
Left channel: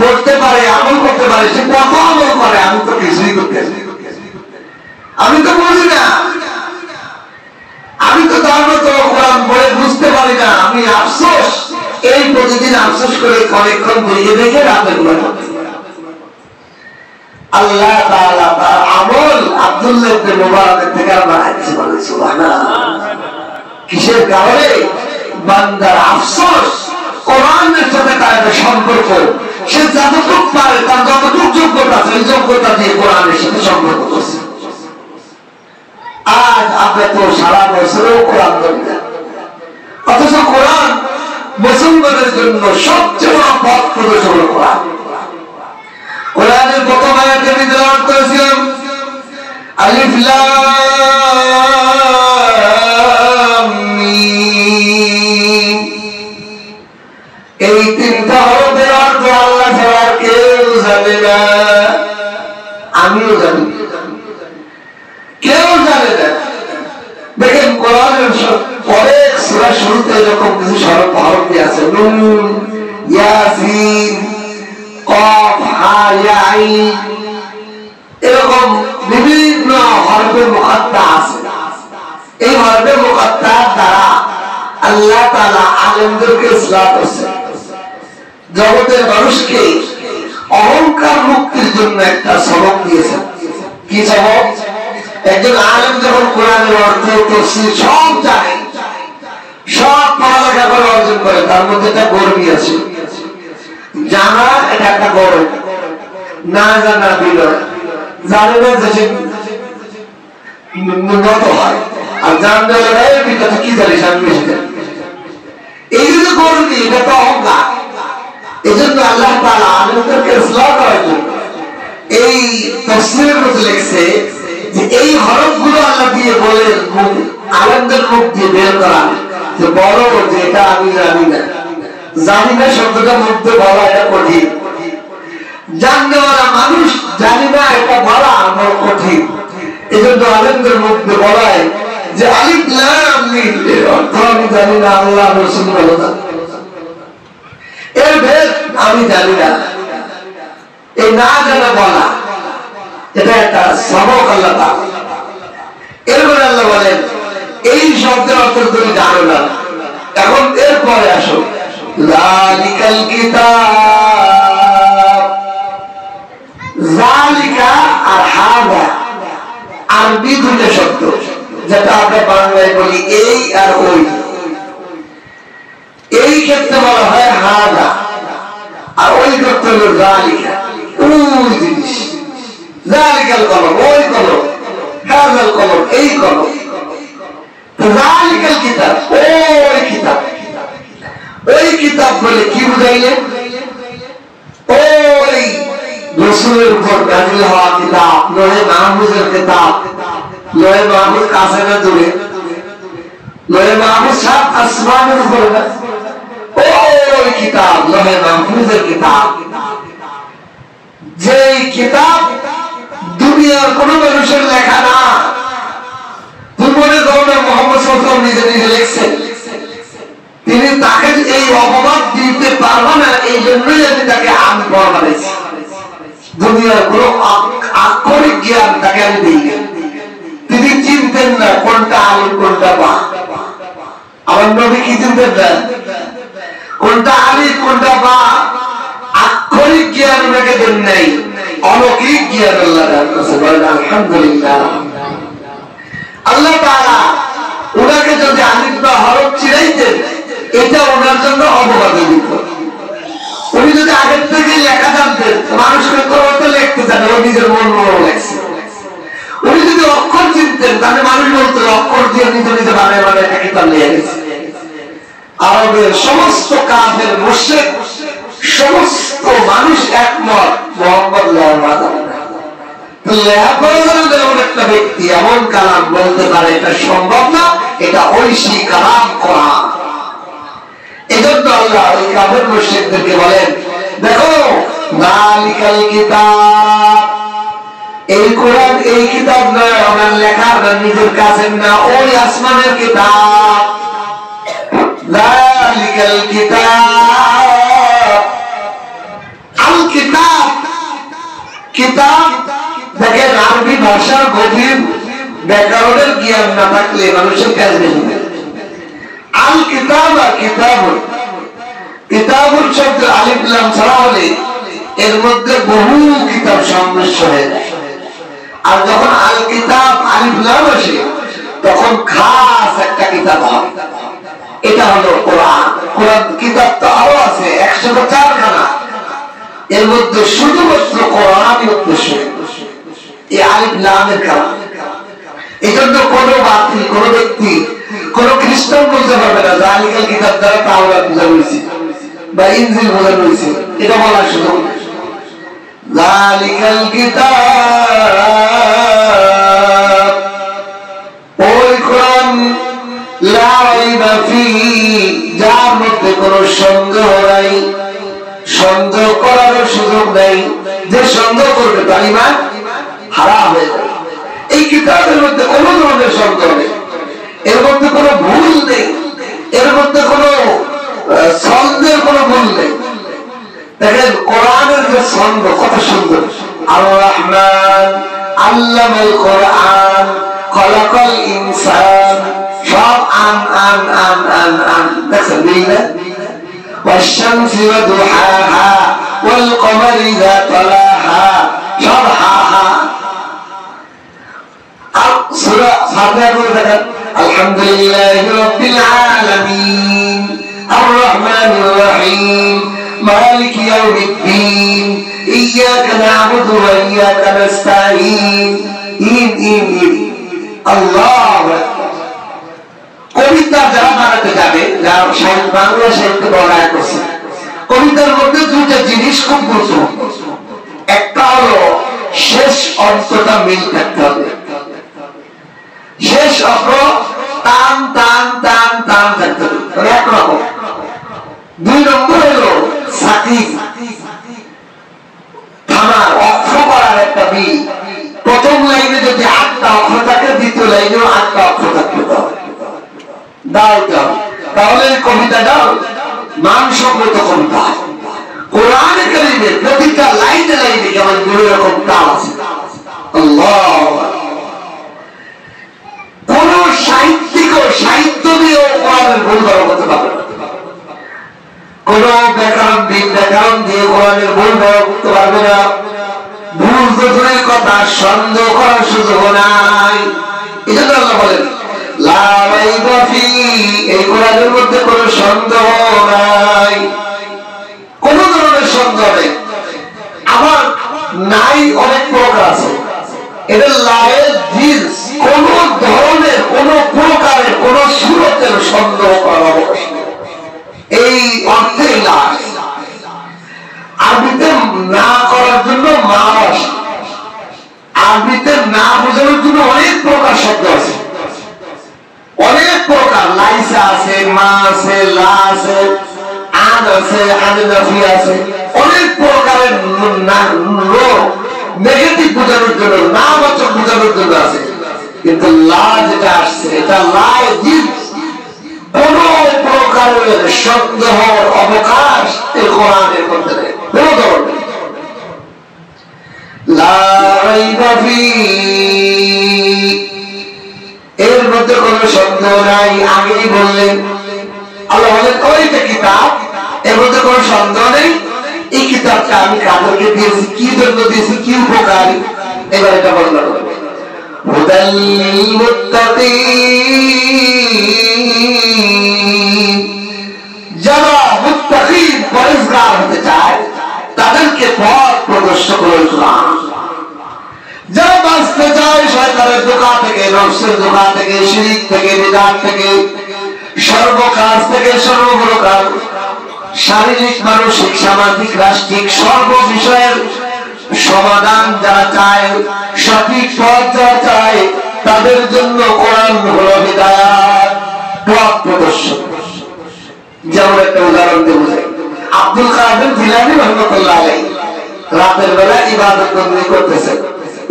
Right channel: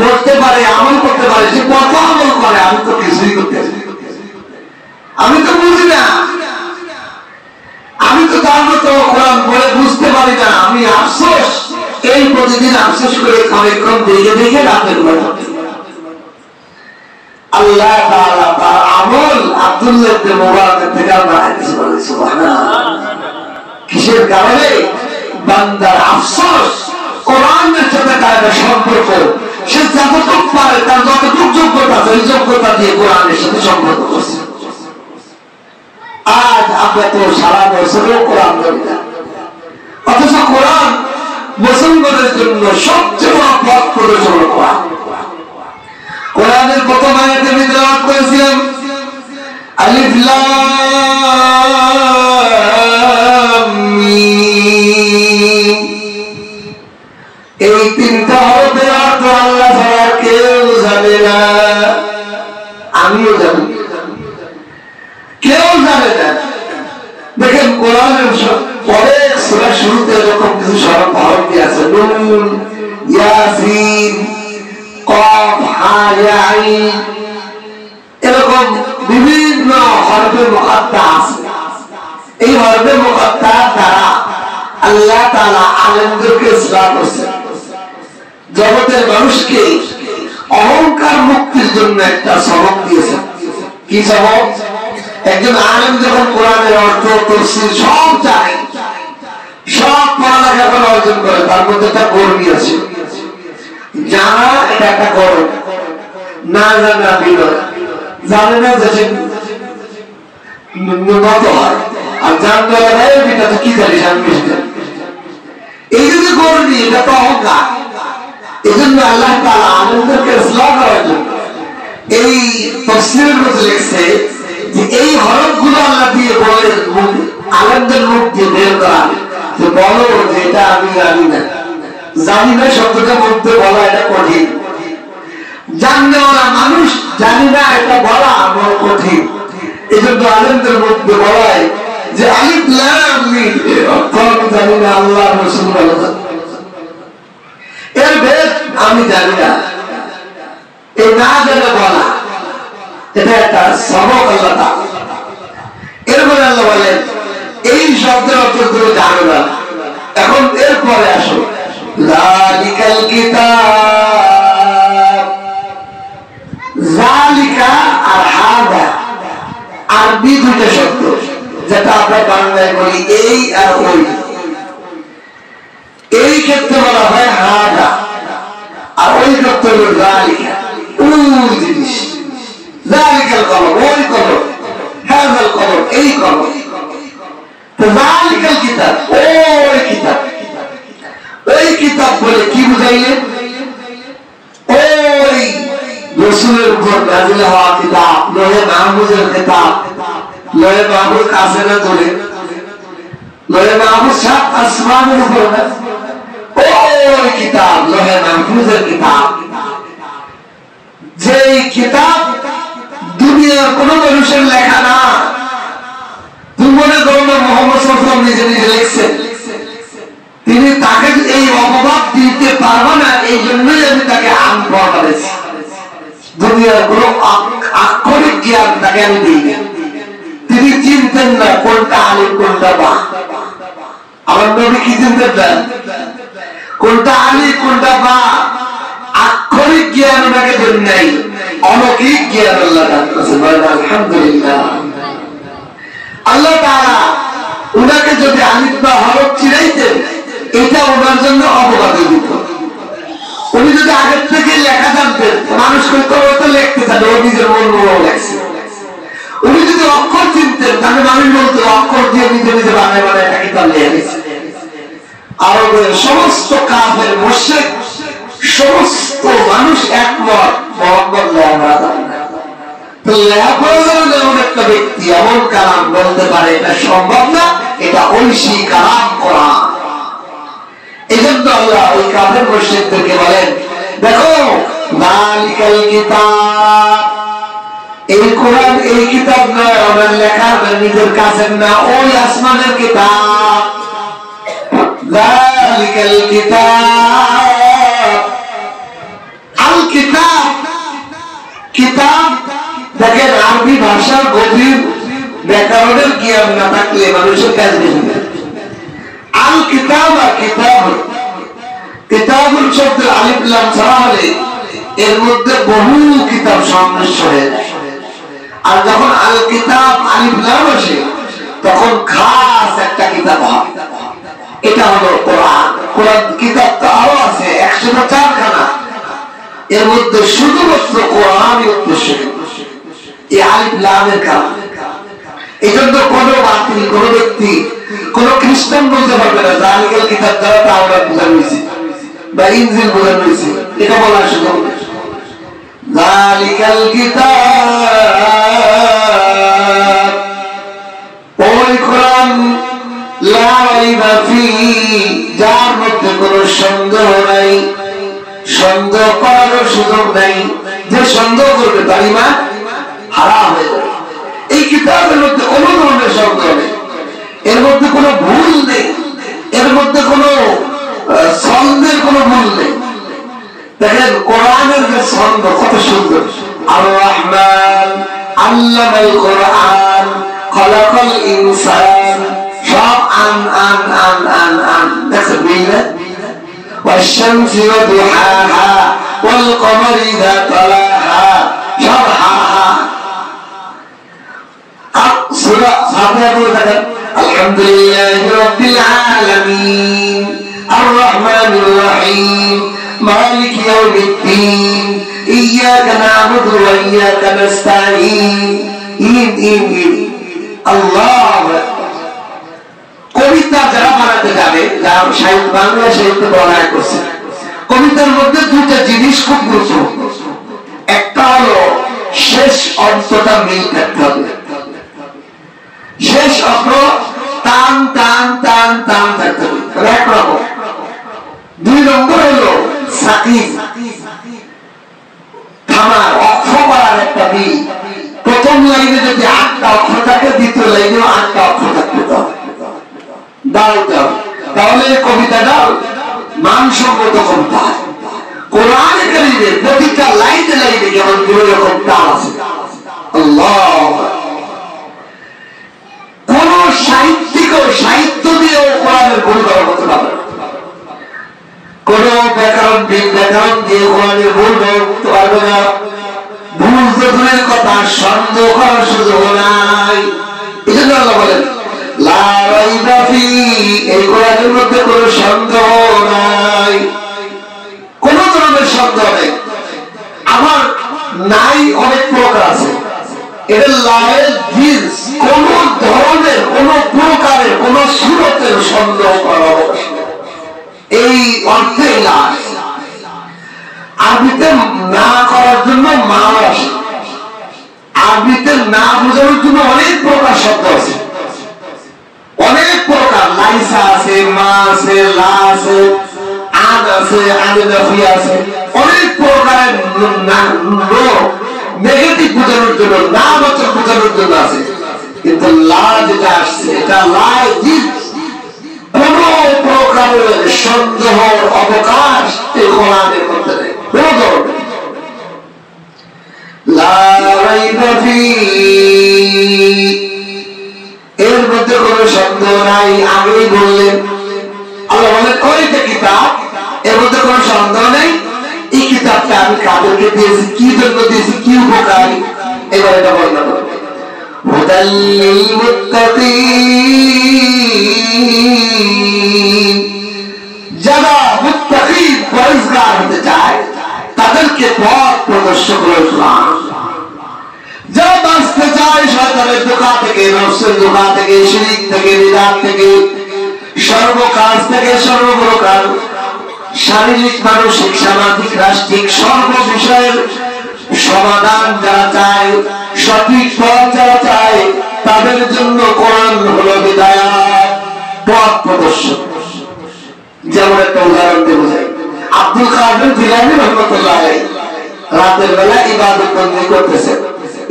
পড়তে পারে, আমল করতে পারে, সে কত আমল করে, আমি তো কিছুই করতে পারি, আমি তো বুঝি না, আমি তো তার মতো কোরআন পড়ে বুঝতে পারি না। আমি আফসোস, এই প্রতিদিন আফসোস করে অনেকক্ষণ দেখে দেখে রাতে ঘুমাই। আল্লাহ তাআলা তার আমল আব্দুল্লাহ ইবনে মুবারকের থেকে বাড়াইছে, বলে সুবহানাল্লাহ। কিসের কারণে? বান্দার আফসোস, কোরআনের সাথে তার সম্পর্ক, সে যতটুকু পারে, তার যতটুকু যোগ্যতা আছে, ওই যোগ্যতা দিয়ে কোরআনের সাথে সম্পর্ক করছে। আজ আমরা তো সারা বছরও কোরআন ধরি না, অথচ কোরআন মুসলমানের জন্য সবচেয়ে বড় পথ প্রদর্শন করা। কোরআনের প্রথম আয়াতে আমি তেলাওয়াত করেছিলাম, আলিফ লাম মিম। এই তিনটা হরফের অর্থ আল্লাহ ছাড়া কেউ জানে না, আমিও জানি, কেউ জানে না। দেখেন কোরআনের অনেক সূরা শুরুতে এরকম কিছু হরফ দিয়ে আছে, নুন, ইয়াসিন, কফ, হা, ইয়া, আইন, এরকম বিভিন্ন হরফে মুকাত্তা আছে। এই হরফে মুকাত্তার দ্বারা আল্লাহ তাআলা আলেমদেরকে ইসলাহ করেছেন, জগতের মানুষকে অহংকার মুক্তির জন্য একটা সবক দিয়েছেন। কি সবক? একজন আলেম যখন কোরআনের অর্থ, তাফসীর সব জানে, সব পড়ালেখা করে অর্জন করে, তার মধ্যে একটা গরমি আছে। জানা এটা একটা গরম, না জানা বিনয়। জানে না যে সে নত হয়, আর জানতে পারে এটা তো কি জানিস, আমি বেশি জানি। এই যে গরমি, এটা তো অহংকার। এই জন্য আল্লাহ তাআলা আলেমদেরকে ইসলাহ করার জন্য এই তাফসীরের মধ্যে লিখছে যে এই হরফগুলো আল্লাহ দিয়ে বলে আলেমদের মুখ দিয়ে বের করা, যে বলো যে এটা আমি জানি না। জানি না শব্দটা মধ্যে বলা এটা কঠিন, জাননেওয়ালা মানুষ জানি না এটা বলা আমার কঠিন। এই জন্য আলেমদের মধ্যে বলায় যে আলিফ লাম মিম, এর অর্থ আমি জানি না, আল্লাহ রাসূল ভালো জানেন, এর ভেদ আমি জানি না। এই না জানা বলা, এটা একটা সবক আল্লাহ তাআলা। এরপরে আল্লাহ বলেন এই শব্দের অর্থ তুমি জানো না, এখন এরপরে আসো, যালিকাল কিতাব। যালিকা আর হাযা আরবি দুটো শব্দ, যেটা আমরা বাংলায় বলি এই আর ওই। এই ক্ষেত্রে বলা হয় হাযা, আর ওই ক্ষেত্রে হলো যালিকা, ওই জিনিস। যালিকাল কলম, ওই কলম, হাযাল কলম, এই কলম। যালিকাল কিতাব, ওই কিতাব। ওই কিতাব বলে কি বুঝাইলেন? ওই রাসূলের উপর নাযিল হওয়া কিতাব, লৌহে মাহফুজের কিতাব। লৌহে মাহফুজ কাছে না দূরে? লৌহে মাহফুজ সাত আসমানের উপর না? ওই কিতাব লৌহে মাহফুজের কিতাব, যে কিতাব দুনিয়ার কোন মানুষের লেখা না। তুমি মনে করো না মুহাম্মদ সাল্লাল্লাহু আলাইহি ওয়াসাল্লাম নিজে নিজে লিখছেন? তিনি তাকে এই অপবাদ দিতে পারবে না, এই জন্যই আমি তাকে আনপড় বানিয়েছি। দুনিয়ার কোন আক্ষরিক জ্ঞান তাকে আমি দিই। তিনি চিনতেন না কোনটা আলিম কোনটা বা। আমার নবী কি চিনতেন না কোনটা আলিম কোনটা বা? আক্ষরিক জ্ঞান ওনাকে দেন নাই, অলৌকিক জ্ঞান আল্লাহ দান করেছেন। বলেন আলহামদুলিল্লাহ। আল্লাহ তাআলা ওনাকে যদি আলিফ বা হরফ চিনাইতেন, এটা ওনার জন্য অবগত দিত। উনি যদি আগের থেকে লেখা জানতেন, মানুষকে তো লিখতে জানে, ও নিজের মন মনে লেখছে। উনি যদি অক্ষর চিনতেন, তাহলে মানুষ বলতো অক্ষর দিয়ে নিজে নিজে বানায় বানায় একটা কিতাব লিখে গেছে। আরবের সমস্ত কাফের মুশরিক সমস্ত মানুষ একমত, মুহাম্মদ একটা ব্যক্তি এমন কালাম বলতে পারে এটা সম্ভব না, এটা ঐশী কালাম করা। এজন্য আল্লাহ ওই কাফের মুশরিকদেরকে বলেন, দেখো যালিকাল কিতাব, এই কোরআন এই কিতাব না, ওনার লেখা না, নিজের কাছের না, ওই আসমানের কিতাব। যালিকাল কিতাব, আল কিতাব, কিতাব। দেখেন আরবি ভাষার গভীর ব্যাকরণের জ্ঞান না থাকলে মানুষের কাজ বেশি। আল কিতাব আর কিতাব, কিতাবুল শব্দ আলিফ লাম ছাড়া হলে এর মধ্যে বহু কিতাব সন্নিবেশ হয়ে যায়। আর যখন আল কিতাব আলিফ লাম আসে, তখন খাস একটা কিতাব হয়, এটা হলো কোরআন। কোরআন কিতাব তো আরো আছে 104 খানা, এর মধ্যে শুধুমাত্র কোরআনই উদ্দেশ্য, এই আলিফ লামের কারণে। এই জন্য কোন বাতিল কোন ব্যক্তি কোন খ্রিস্টান বলতে পারবে না যালিকাল কিতাব দ্বারা তাওরাত বোঝানো হয়েছে বা ইনজিল বোঝানো হয়েছে, এটা বলার সুযোগ নেই। যালিকাল কিতাব, ওই কোরআন, লা রাইবা ফীহি, যার মধ্যে কোনো সন্দেহ নাই, সন্দেহ করার সুযোগ নাই। যে সন্দেহ করবে তার ঈমান হারাম হয়ে যাবে। এই কিতাবের মধ্যে কোনো ধরনের সন্দেহ নেই, এর মধ্যে কোনো ভুল নেই, এর মধ্যে কোনো ছন্দের কোনো ভুল নেই। দেখেন কোরআনের যে ছন্দ কত সুন্দর। আর রহমান আল্লামাল কোরআন খলাকাল ইনসান, সব আন আন আন আন আন। দেখেন মিলে والشمس وضحاها والقمر إذا طلاها, সব হা হা। সূরা ফাতিহা আলহামদুলিল্লাহি রাব্বিল আলামিন আর রহমানির রহিম মালিকি ইয়াউমিদ্দিন ইয়্যাকা না'বুদু ওয়া ইয়্যাকা নাস্তাঈন। আল্লাহু আকবার। কবিতা যারা বানাতে যাবে, যারা সাহিত্য বাংলা সাহিত্য বর্ণনা করছে, কবিতার মধ্যে দুইটা জিনিস খুব গুরুত্বপূর্ণ। একটা হলো শেষ অংশটা মিল থাকতে হবে, শেষ অংশ টান টান টান টান থাকতে হবে, একরকম। দুই নম্বর হলো সাকিব, থামার অক্ষ করার একটা মিল। প্রথম লাইনে যদি 8টা অক্ষ থাকে, দ্বিতীয় লাইনেও 8টা অক্ষ থাকতে হবে। তাহলে কবিতাটা মানসম্মত কবিতা। কোরআনে কারীমের প্রতিটা লাইনে লাইনে যেমন দুই রকম তাল আছে। আল্লাহ, কোন সাহিত্যিক সাহিত্য দিয়েও কোরআনের ভুল করা করতে পারবে না। কোন ব্যাকরণবিদ ব্যাকরণ দিয়ে কোরআনের ভুল করতে পারবে না। ভুল তো দূরের কথা, সন্দেহ করার সুযোগ নাই। এই জন্য আল্লাহ বলেন লা রাইবা ফীহি, এই কোরআনের মধ্যে কোনো সন্দেহ নাই, কোন ধরনের সন্দেহ নেই। আমার নাই অনেক প্রকার আছে, এটা লায়ের জিন্স, কোন ধরনের কোন প্রকারের কোন সুরতের সন্দেহ করা অবশ্যই এই অর্থে নাই। আরবিতে না করার জন্য মা আসে, আরবিতে না বোঝানোর জন্য অনেক প্রকার শব্দ আছে, অনেক প্রকার। লাইসা আছে, মা আছে, লা আছে, আদ আছে, আদনাফি আছে, অনেক প্রকারের নেগেটিভ বোঝানোর জন্য, না বাচক বোঝানোর জন্য আছে। কিন্তু লা যেটা আসছে, এটা লা জিন্স, কোন প্রকারের সন্দেহ অবকাশ এই কোরআনের মধ্যে নেই, কোনো ধরনের। লা রাইবা ফীহি, এর মধ্যে কোনো সন্দেহ নাই। আগেই বললেন, আল্লাহ বলেন ওইটা কিতাব, এর মধ্যে কোনো সন্দেহ নেই। এই কিতাবটা আমি কাদেরকে দিয়েছি, কি জন্য দিয়েছি, কি উপকারী, এবার এটা বর্ণনা করবে। হুদাল লিল মুত্তাকিন, যারা মুত্তাকিন পরহেজগার হতে চায় তাদেরকে পথ প্রদর্শক ইসলাম। যারা বাঁচতে চায় শয়তানের ধোঁকা থেকে, নফসের ধোঁকা থেকে, শিরক থেকে, বিদআত থেকে, সর্বকাজ থেকে সর্বপ্রকার শারীরিক, মানসিক, সামাজিক, রাষ্ট্রিক সর্ব বিষয়ের সমাধান যারা চায়, সঠিক পথ যারা চায়, তাদের জন্য কোরআন হলো হিদায়াত, পথ প্রদর্শক। যেমন একটা উদাহরণ দিয়ে বোঝাই, আব্দুল কাদের জিলানী রহমাতুল্লাহ আলাইহি রাতের বেলা ইবাদত বন্দেগি করতেছে,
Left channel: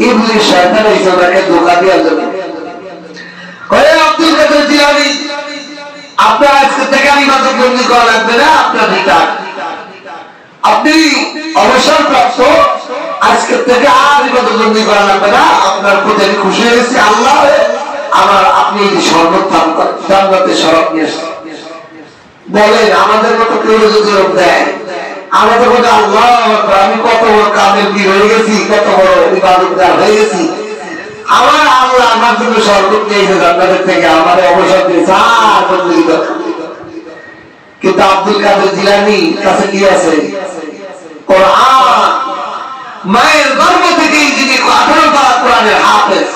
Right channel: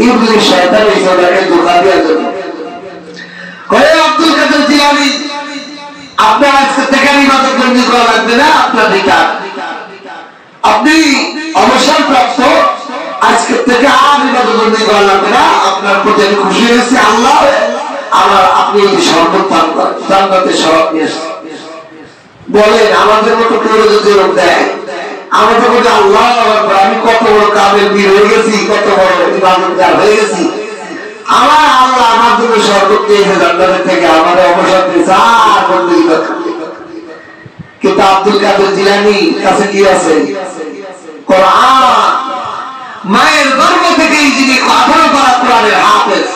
ইবলিস শয়তান এসে তাকে ধোঁকা দেওয়ার জন্য কয়, আব্দুল কাদের জিলানী আপনার আজকে থেকে ইবাদত বন্দেগি করা লাগবে না, আপনার রিটায়ার, আপনি অবসর প্রাপ্ত, আজকে থেকে আর ইবাদত বন্দেগি করা লাগবে না, আপনার প্রতি আমি খুশি হয়েছি, আল্লাহ আমার আপনি শরবত পান করেন, জান্নাতের শরবত নিয়ে আসেন। বলেন আমাদের মতো কেউ যদি লোক দেয়, আমাদের মধ্যে আল্লাহ আমি কত বড় কামের বীর হয়ে গেছি, কত বড় ইবাদতগার হয়ে গেছি, আমার আল্লাহ আমার জন্য শরবত নিয়েছে জান্নাতের থেকে, আমাদের অবসর দিয়েছে, আর বন্দেগি দরকার নেই। কিন্তু আব্দুল কাদের জিলানী কাছে কি আছে? কোরআন। মায়ের গর্ভ থেকেই যিনি 18 পারা কোরআনের হাফেজ,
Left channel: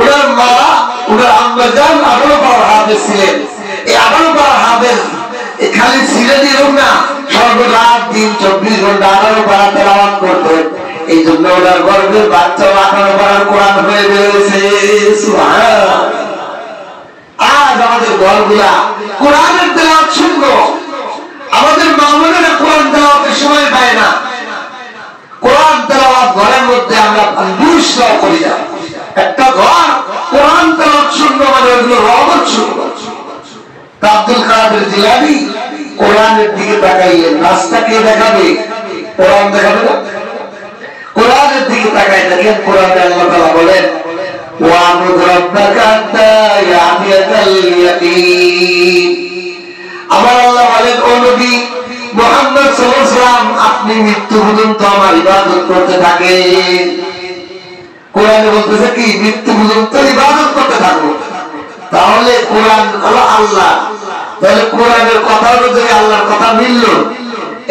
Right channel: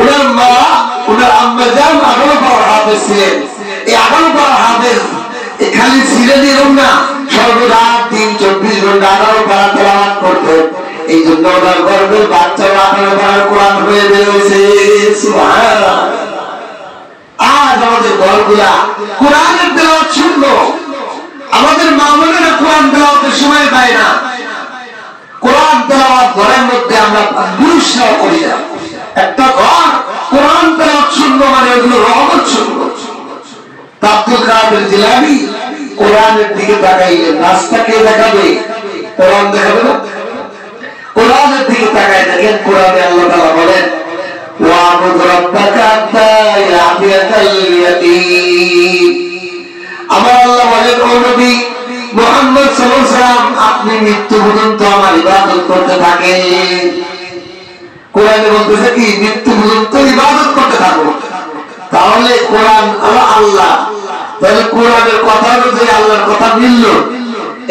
ওনার মা, ওনার আম্মা জান 18 পারা হাফেজ ছিলেন। এই 18 পারা হাফেজ খালি ছিলেন এরকম না, সর্বরাত দিন 24 ঘন্টা 18 পারা তেলাওয়াত করতেন। এই জন্য ওনার গর্ভে বাচ্চা 18 পারার কোরআন হয়ে বেরিয়েছে। সুবহানাল্লাহ। আজ আমাদের ঘরগুলা কোরআনের তেলাওয়াত শুনলো, আমাদের মা বোনেরা কোরআন তেলাওয়াতের সময় পায় না। কোরআন তেলাওয়াত ঘরের মধ্যে আমরা পুরুষরাও করি না। একটা ঘর কোরআন তেলাওয়াত শুনলো মানে এগুলো রহমত শুনলো। আব্দুল কাদের জিলানী কোরআনের দিকে তাকাইলেন, রাস্তা কে দেখাবে? কোরআন দেখাবে না? কোরআনের দিকে তাকাই দেখেন, কোরআনে আল্লাহ তাআলা বলেন, ওয়া'বুদ রাব্বাকা হাত্তা ইয়াতিয়াকাল ইয়াকিন। আমার আল্লাহ বলেন, ও নবী মুহাম্মদ সাল্লাল্লাহু আলাইহি ওয়াসাল্লাম, আপনি মৃত্যু পর্যন্ত আমার ইবাদত করতে থাকেন। কোরআনে বলতেছে কি, মৃত্যু পর্যন্ত ইবাদত করতে থাকো। তাহলে কোরআন আল্লাহ, তাহলে কোরআনের কথা অনুযায়ী আল্লাহর কথা মিলল,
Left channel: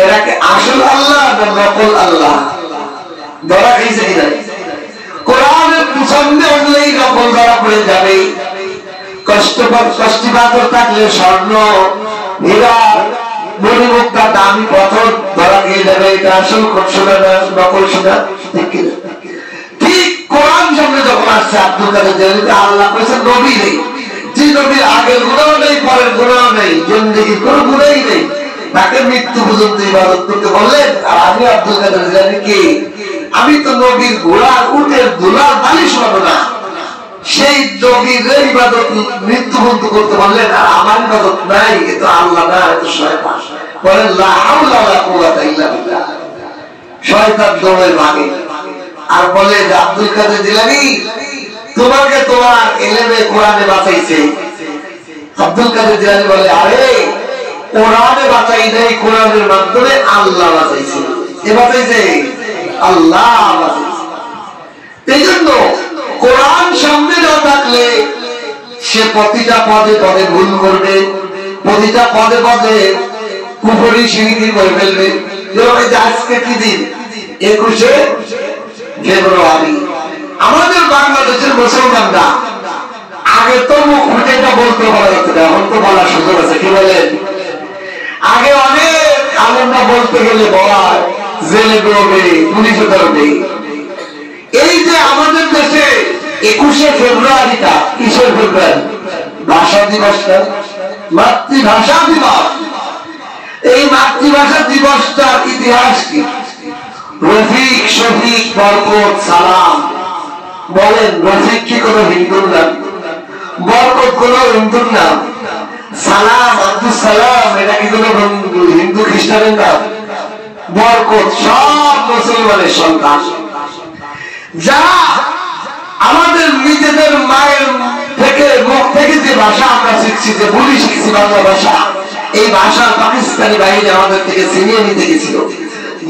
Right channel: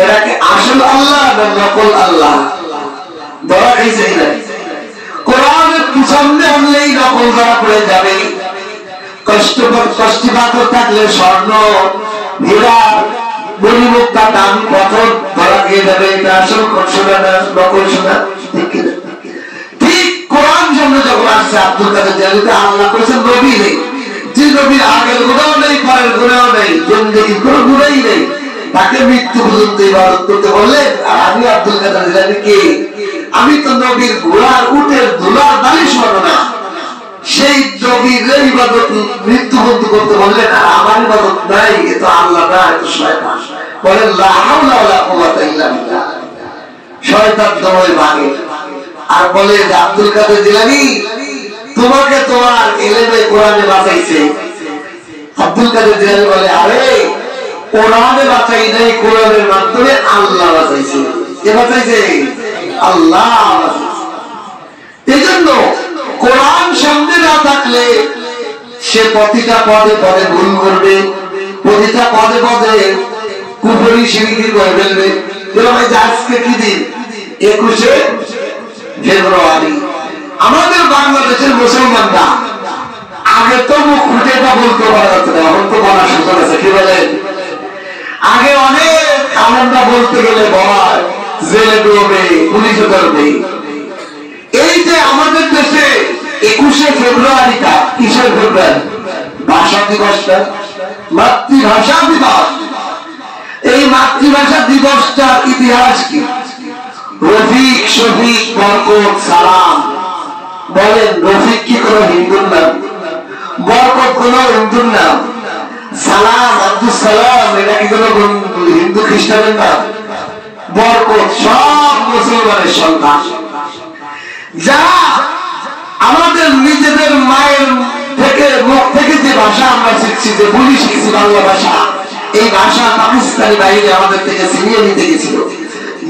এরা কি আসল আল্লাহ না নকল আল্লাহ? ধরা খাইছে কিনা? কোরআনের সামনে আনলেই নকল ধরা পড়ে যাবে। কষ্টিপাথর থাকলে স্বর্ণ, হীরা, মণিমুক্তা, দামি পাথর ধরা খেয়ে যাবে। এটা আসল সোনা না নকল সোনা? ঠিক কোরআন সামনে যখন আসছে আব্দুল কাদের জিলানী, আল্লাহ কইছেন নবী নেই, যে নবীর আগের গুনাহ নেই, পরের গুনাহ নেই, জিন্দেগির কোনো গুনাহই নেই, তাকে মৃত্যু পর্যন্ত ইবাদত করতে বললেন। আর আমি আব্দুল কাদের জিলানী কে? আমি তো নবীর ঘোড়ার, উটের ধুলার মালিশ হবো না, সেই নবীর ইবাদত মৃত্যু পর্যন্ত করতে বললেন। আর আমার ইবাদত নাই, এ তো আল্লাহ না, এ তো শয়তান। বলেন লা হাওলা ওয়ালা কুওয়াতা ইল্লা বিল্লাহ। শয়তান দৌড়ে ভাগে আর বলে যে আব্দুল কাদের জিলানী তোমাকে তোমার ইলমে কোরআনে বাঁচাইছে। আব্দুল কাদের জিলানী বলে, আরে কোরআনে বাঁচাই নাই, কোরআনের মাধ্যমে আল্লাহ বাঁচাইছে। কে বাঁচাইছে? আল্লাহ বাঁচাইছে। এই জন্য কোরআন সামনে না থাকলে সে প্রতিটা পদে পদে ভুল করবে, প্রতিটা পদে পদে কুফরি শিরকি করে ফেলবে। আজকে কি দিন? 21শে ফেব্রুয়ারি। আমাদের বাংলাদেশের মুসলমানরা আগে তো মুখ ফুটে এটা বলতে পারা যাচ্ছে না, এখন তো বলার সুযোগ আছে। কি বলেন? আগে অনেক আলেমরা বলতে গেলে বলার জেলে ডুবে, পুলিশে ধরবে। এই যে আমাদের দেশে 21শে ফেব্রুয়ারিটা কিসের ফেব্রুয়ারি? ভাষা দিবসটা, মাতৃভাষা দিবস। এই মাতৃভাষা দিবসটার ইতিহাস কি? রফিক, শফিক, বরকত, সালাম। বলেন রফিক কি কোনো হিন্দুর নাম? বরকত কোনো হিন্দুর নাম? সালাম, আব্দুল সালাম, এটা কি কোনো হিন্দু খ্রিস্টানের নাম? বরকত সব মুসলমানের সন্তান। যারা আমাদের নিজেদের মায়ের থেকে মুখ থেকে যে ভাষা আমরা শিখছি, যে বলি শিখছি বাংলা ভাষা, এই ভাষা পাকিস্তানি বাহিনী আমাদের থেকে ছিনিয়ে নিতে গেছিল।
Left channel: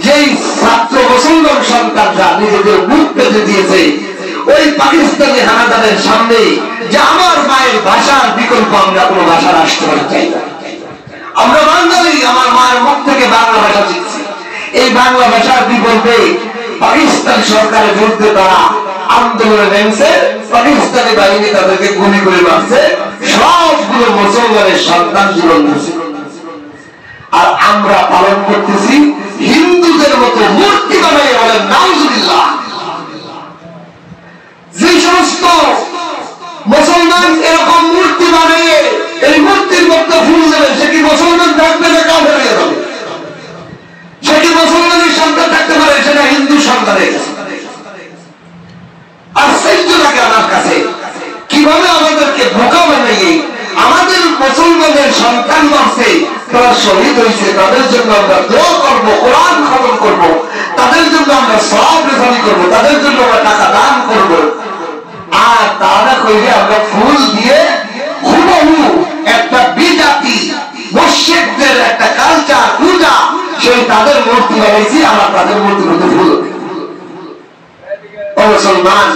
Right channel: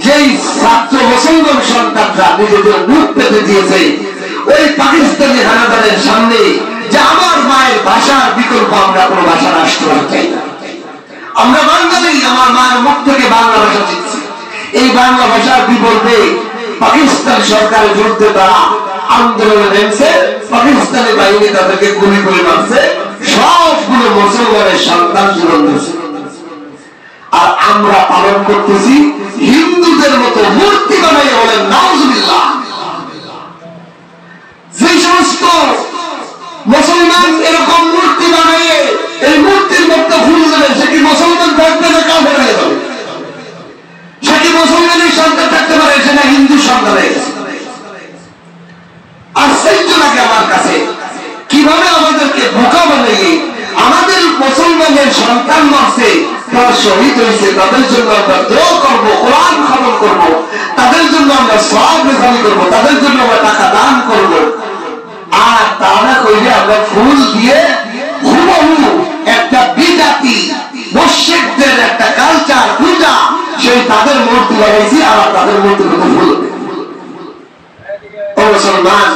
যেই ছাত্র মুসলমান সন্তানরা নিজেদের মুখ পেতে দিয়েছে ওই পাকিস্তানি হানাদারের সামনে, যে আমার মায়ের ভাষার বিকল্প আমরা কোনো ভাষা রাষ্ট্র চাই না, আমরা বাঙালি, আমার মায়ের মুখ থেকে বাংলা ভাষা শিখছি, এই বাংলা ভাষার বিকল্পে পাকিস্তান সরকারের বিরুদ্ধে তারা আন্দোলনে নেমেছে, পাকিস্তানি বাহিনী তাদেরকে গুলি করে মারছে, সবগুলো মুসলমানের সন্তান জীবন দিয়েছে। আর আমরা পালন করতেছি হিন্দুদের মতো মূর্তি বানাই, বলেন নাউজুবিল্লাহ। যে সমস্ত মুসলমান এরকম মূর্তি বানাইয়ে এই মূর্তির মধ্যে ফুল দেবে, সে কি মুসলমান থাকবে না কাফের হয়ে যাবে? সে কি মুসলমানের সন্তান থাকতে পারে, সে না হিন্দু সন্তানের? আশ্চর্য লাগে আমার কাছে, কিভাবে আমাদেরকে বোকা বানাইয়ে আমাদের মুসলমানের সন্তান মারছে, তারা শহীদ হয়েছে, তাদের জন্য আমরা দোয়া করবো, কোরআন খতম করবো, তাদের জন্য আমরা সওয়াব রেজানি করবো, তাদের জন্য আমরা টাকা দান করবো। আর তারা কইলে আমরা ফুল দিয়ে হুবহু একটা বিজাতি মুশরিকদের একটা কালচার পূজা, সেই তাদের মূর্তি বানাইছি, আর তাদের মূর্তি মধ্যে ফুল। ও মুসলমান,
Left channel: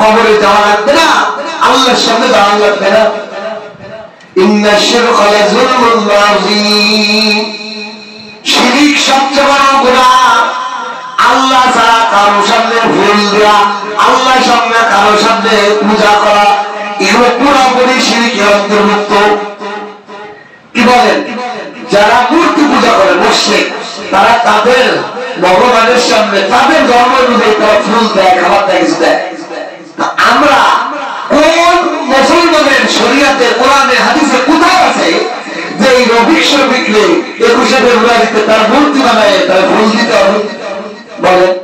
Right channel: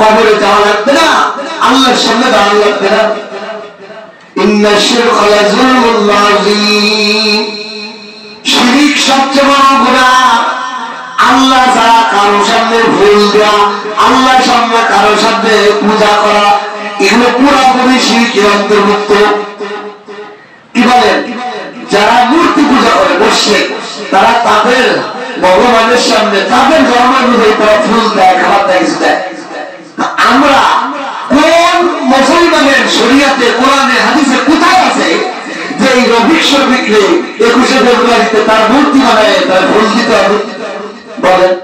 কবরে যাওয়া লাগবে না, আল্লাহর সামনে দাঁড়ানো লাগবে না। ইন্না শিরকা লাযুলমুন আযীম, শিরক সবচেয়ে বড় গুনাহ। আল্লাহ ছাড়া কারো সামনে ফুল দেওয়া, আল্লাহর সামনে কারো সামনে পূজা করা, এগুলো পুরোপুরি শিরকের অন্তর্ভুক্ত। কি বলেন? যারা মূর্তি পূজা করে মুশরিক, তারা তাদের ভগবানের সামনে তাদের ধর্ম অনুযায়ী তারা ফুল দেয়, খাবার দেয়, কিছু দেয়। আমরা কোন মুসলমানের শরীয়তে, কোরআনে, হাদিসে কোথায় আছে যে এই রবিক শরীফে 21শে ফেব্রুয়ারিতে তার মূর্তি বানায় তার ফুল দিতে হবে? বলেন।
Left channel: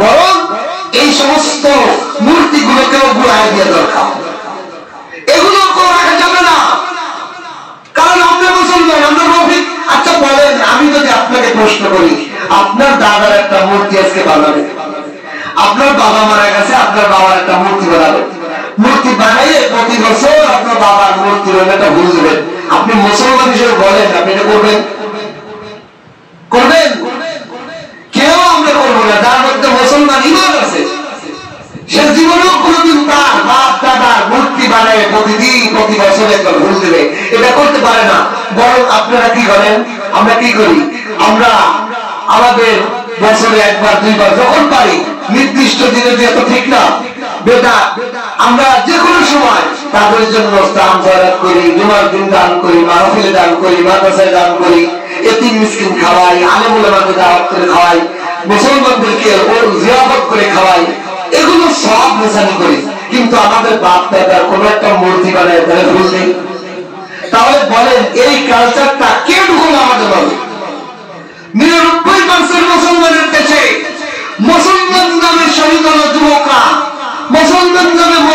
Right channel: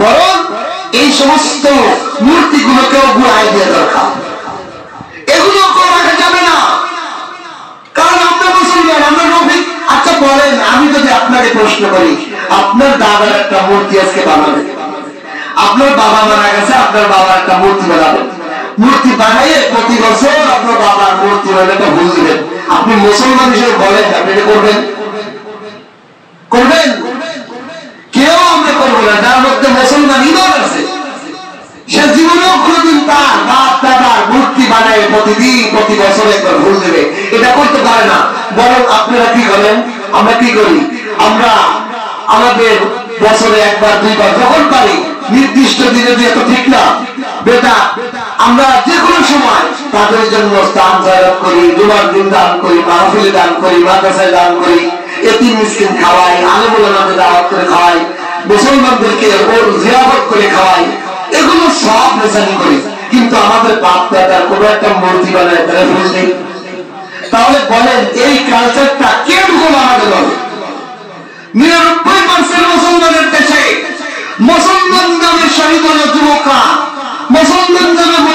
বরং এই সমস্ত মূর্তিগুলোকেও গুড়াই দেওয়া দরকার, এগুলোকেও রাখা যাবে না, কারণ আমরা মুসলমান, আমরা রবিক। আচ্ছা বলেন, আমি যদি আপনাকে প্রশ্ন করি, আপনার দাদার একটা মূর্তি আজকে বানাবে, আপনার বাবা মারা গেছে, আপনার বাবার একটা মূর্তি বানাবে, মূর্তি বানাইয়ে প্রতি বছর আপনার বাবার মূর্তি হলে এটা ভুল দেবেন, আপনি মুসলমান হিসেবে বলেন আপনি এটা করবেন? করবেন? কেউ আমরা করবো না। যার মধ্যে মুসলমান ঈমান আছে, সে জীবনেও কোনোদিন তার বাপ দাদার মূর্তি বানায় প্রতিদিন প্রতি বছর একবার ভুল দেবে, এটা করতে পারে না। বরং আপনারা কি করেন? আমরা কি করি? আমরা আমাদের বছরে একবার দুইবার যখন পারি, নির্দিষ্ট দিনে দিয়ে তো ঠিক না বেটা, আমরা যে কোনো সময় তাদের জন্য দান খয়রাত করি, জুমার দিন দান করি, মাহফিলে দান করি, মাদ্রাসায় দান করি, এতিম মিসকিন খাওয়াই, আলেম ওলামাকে দাওয়াত করে খাওয়াই, মুসলমানদেরকে জিয়ারত করে খাওয়াই, এগুলো সব রেজানি করি। কিন্তু আমাদের বাপ দাদার কোনো একটা মূর্তি বানায় তারা ভুল নেই। তাহলে বলেন এই কালচারটা কে ঢুকলো আমাদের বলে? 99% মুসলমানের দেশে মুসলমান নামে শহীদ হলো যুবকরা, মুসলমান নামে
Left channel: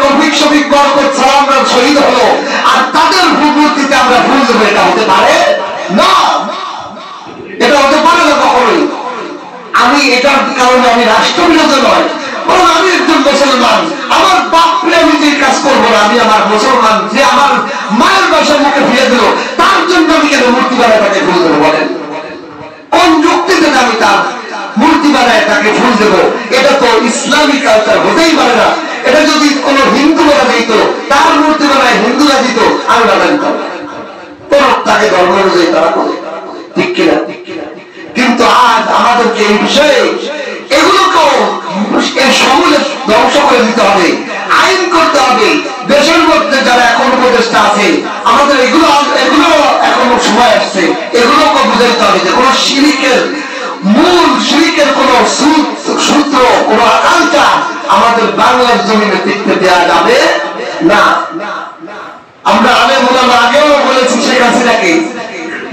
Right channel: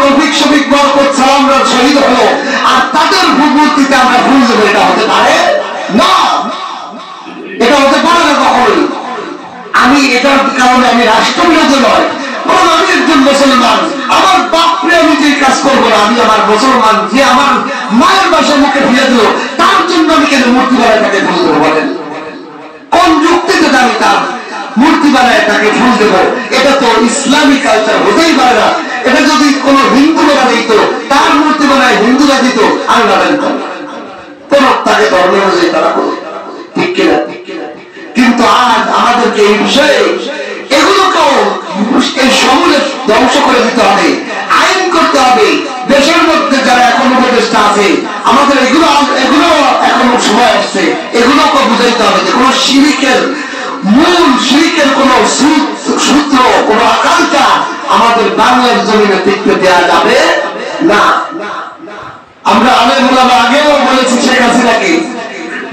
রফিক শফিক বরকত সালামরা শহীদ হলো, আর তাদের মূর্তিতে আমরা ভুল দেবো? এটা হতে পারে না, এটা হতে পারে না কখনোই। আমি এটার কারণে আমি রাষ্ট্রবিরোধী নয়, বরং আমি একজন মুসলমান, আমার বাপরে আমি যে কাজ করবো না, আমি আমার মুসলমান যে আমার মায়ের বাসা মুখে ফিরে দিল, তার জন্য আমি কেন মূর্তি বানায় তাকে ভুল দেবো? বলেন কোন যুক্তিতে আমি তার মূর্তি বানায় তাকে ফুল দেবো? এটা তো ইসলামিক কালচার হতেই পারে না। এটা যদি কোনো হিন্দু বানা দিত, তার মূর্তি বানায় হিন্দুরা দিত, আমি বানাই দিতাম, তাকে ধর্ম অনুযায়ী তারা করে, ঠিক কিনা? কিন্তু আজ আমাদেরকে এই বিষয়ে এগুলোকেও সমূলে ধ্বংস করে দিতে হবে, আইন করতে হবে। দেশের মধ্যে যারা এখন উপদেষ্টা আছে, আমাদের এগুলো এখন সময় আসছে, এগুলোকে বুঝাইতে হবে যে কোন শিরকের মূল, শিরকের কোন সূত্র, কোন আকাঙ্ক্ষা আমাদের বাংলার জমিনে টিকতে দেওয়া যাবে না। আমরা আলেম ওলামা আগেও বলেছি শেখ হাসিনাকে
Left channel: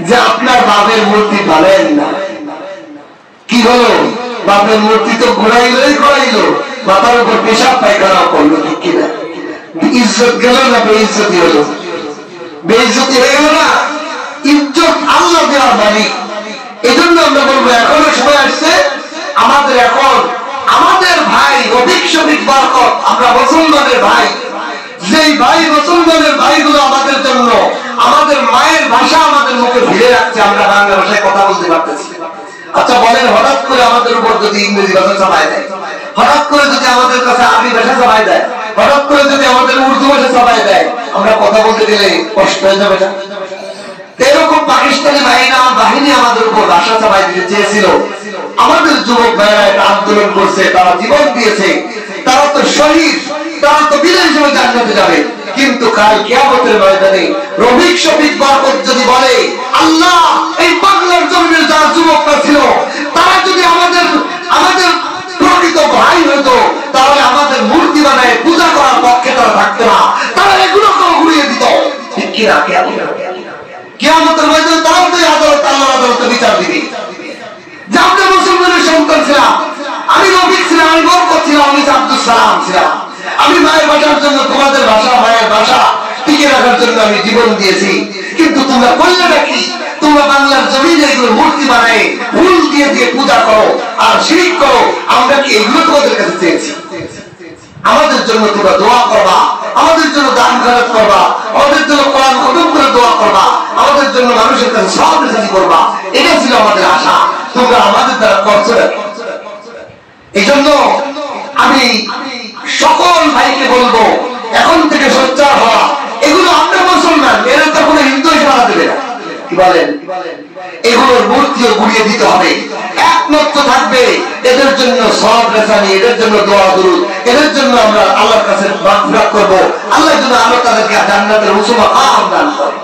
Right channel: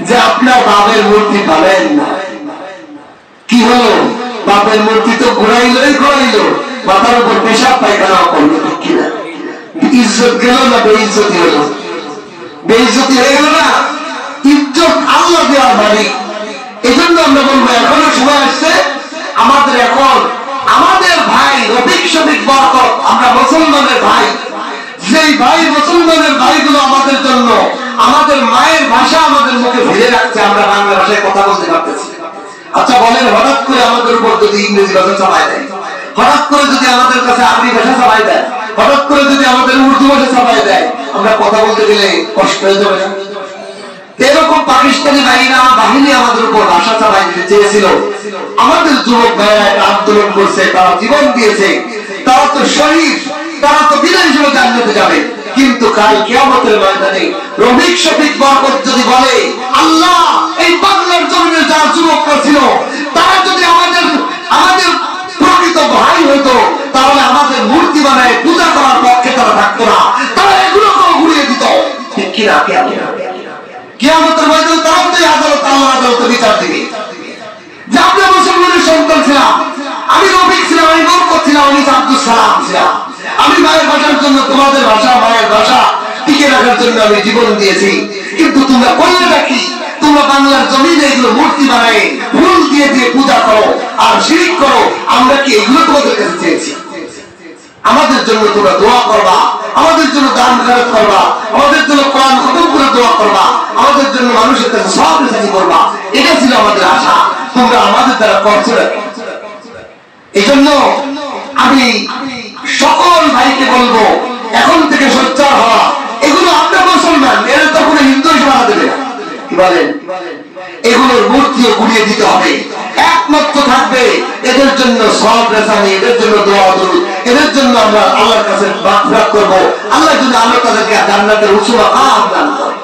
যে আপনার বাপের মূর্তি বানায়েন না। কি হলো? বাপের মূর্তি তো ঘোরাইলো, মাথার উপর পেশাব পায়খানা করলো, ঠিক কিনা? ইজ্জত গেল না বেইজ্জতি হলো? বেইজ্জতি হয়ে গেল না? ইজ্জত আল্লাহ দেওয়ার মালিক। এই জন্য আমরা বলবো এখনো সময় আসছে আমাদের, এখন আমাদের ভাই রফিক শফিক বরকত, আমরা মুসলমানের ভাই, যেই ভাই মুসলমানের ভাইগুলো আমাদের জন্য আমাদের মায়ের ভাষা আমাদের মুখে ভিড়ে রাখছে, আমরা বাংলা ভাষায় কথা বলতে পারতেছি। আচ্ছা বলেন, হঠাৎ করে আমাদের উপর যদি ইংরেজি ভাষা চাপায় দেয়, হঠাৎ করে যদি আমাদের কাছে আরবি ভাষা চাপায় দেয়, হঠাৎ করে যদি আমাদের উর্দু ভাষা চাপায় দেয়, আমরা কথা বলতে গেলে কষ্ট হয়ে যাবে না? এরকম পাকিস্তানি বাহিনী আমাদের উপর ভাষা চাপাই দিতে চেয়েছিল। আমাদের যুবক ভাইরা একটা আন্দোলন করছে, তারা জীবন দিয়েছে, তারা তো শহীদ, তারা তো বিদায় হিসেবে জান্নাতে যাবে। কিন্তু কাল কিয়ামতের ময়দানে রফিক শফিক বরকত যদি বলে, আল্লাহ এই বাংলার জমিনের যারা যুবকরা ছিল তারা যদি আমাদের প্রকৃত ভাই হইতো, তাহলে আমাদের মূর্তি বানায় পূজা করার পক্ষে তারা থাকতো না, তারা এগুলো ঘুরিয়ে দিত। ঠিক কিনা? কিয়ামতের ময়দানে তারাও তো আদালত, আল্লাহর আদালতে বিচার দিবে যে আমরা মুসলমানের সন্তান ছিলাম, আমি রফিক ছিলাম, আমি বরকত ছিলাম, আমি আব্দুল সালাম ছিলাম, আমি মায়ের ভাষার জন্য, তোমাদের ভাষা মায়ের ভাষা টিকে রাখার জন্য আমি জীবন দিয়েছি, কিন্তু তোমরা করলে নাকি? তোমরা বাংলার জমিনে এগুলো মূর্তি বানায় ফুল দিয়ে দিয়ে পূজা করো আর শিরক করো, আমরা কি এগুলো তোমাদের কাছে চেয়েছি? আমাদের জন্য তোমরা দোয়া করবা, আমাদের জন্য দান খরচ করবা, আমাদের জন্য কোরআন খতম করে দোয়া করবা, আমাদের জন্য মানুষের কাছে সব রেজানি করবা, এটা ছিল আমাদের আশা, তোমরা আমাদের দ্বারা করছো না। এই জন্য আমি সকল ভাইকে বলবো, এখন থেকে সোচ্চার হওয়া। এগুলো আমরা মুসলমান, এরা তো কোনো হিন্দু হিসেবে দেবে না, কি বলেন? এগুলোর মূর্তিও গুড়িয়ে দিতে হবে, একমাত্র থাকবে এদের জন্য সব রেসানি, এদের জন্য দোয়া দরুদ, এদের জন্য আমরা আল্লাহর কাছে মাগফিরাত করব, আল্লাহ যেন আল্লাহ তাদেরকে জান্নাতের উঁচু মাকাম দান করে,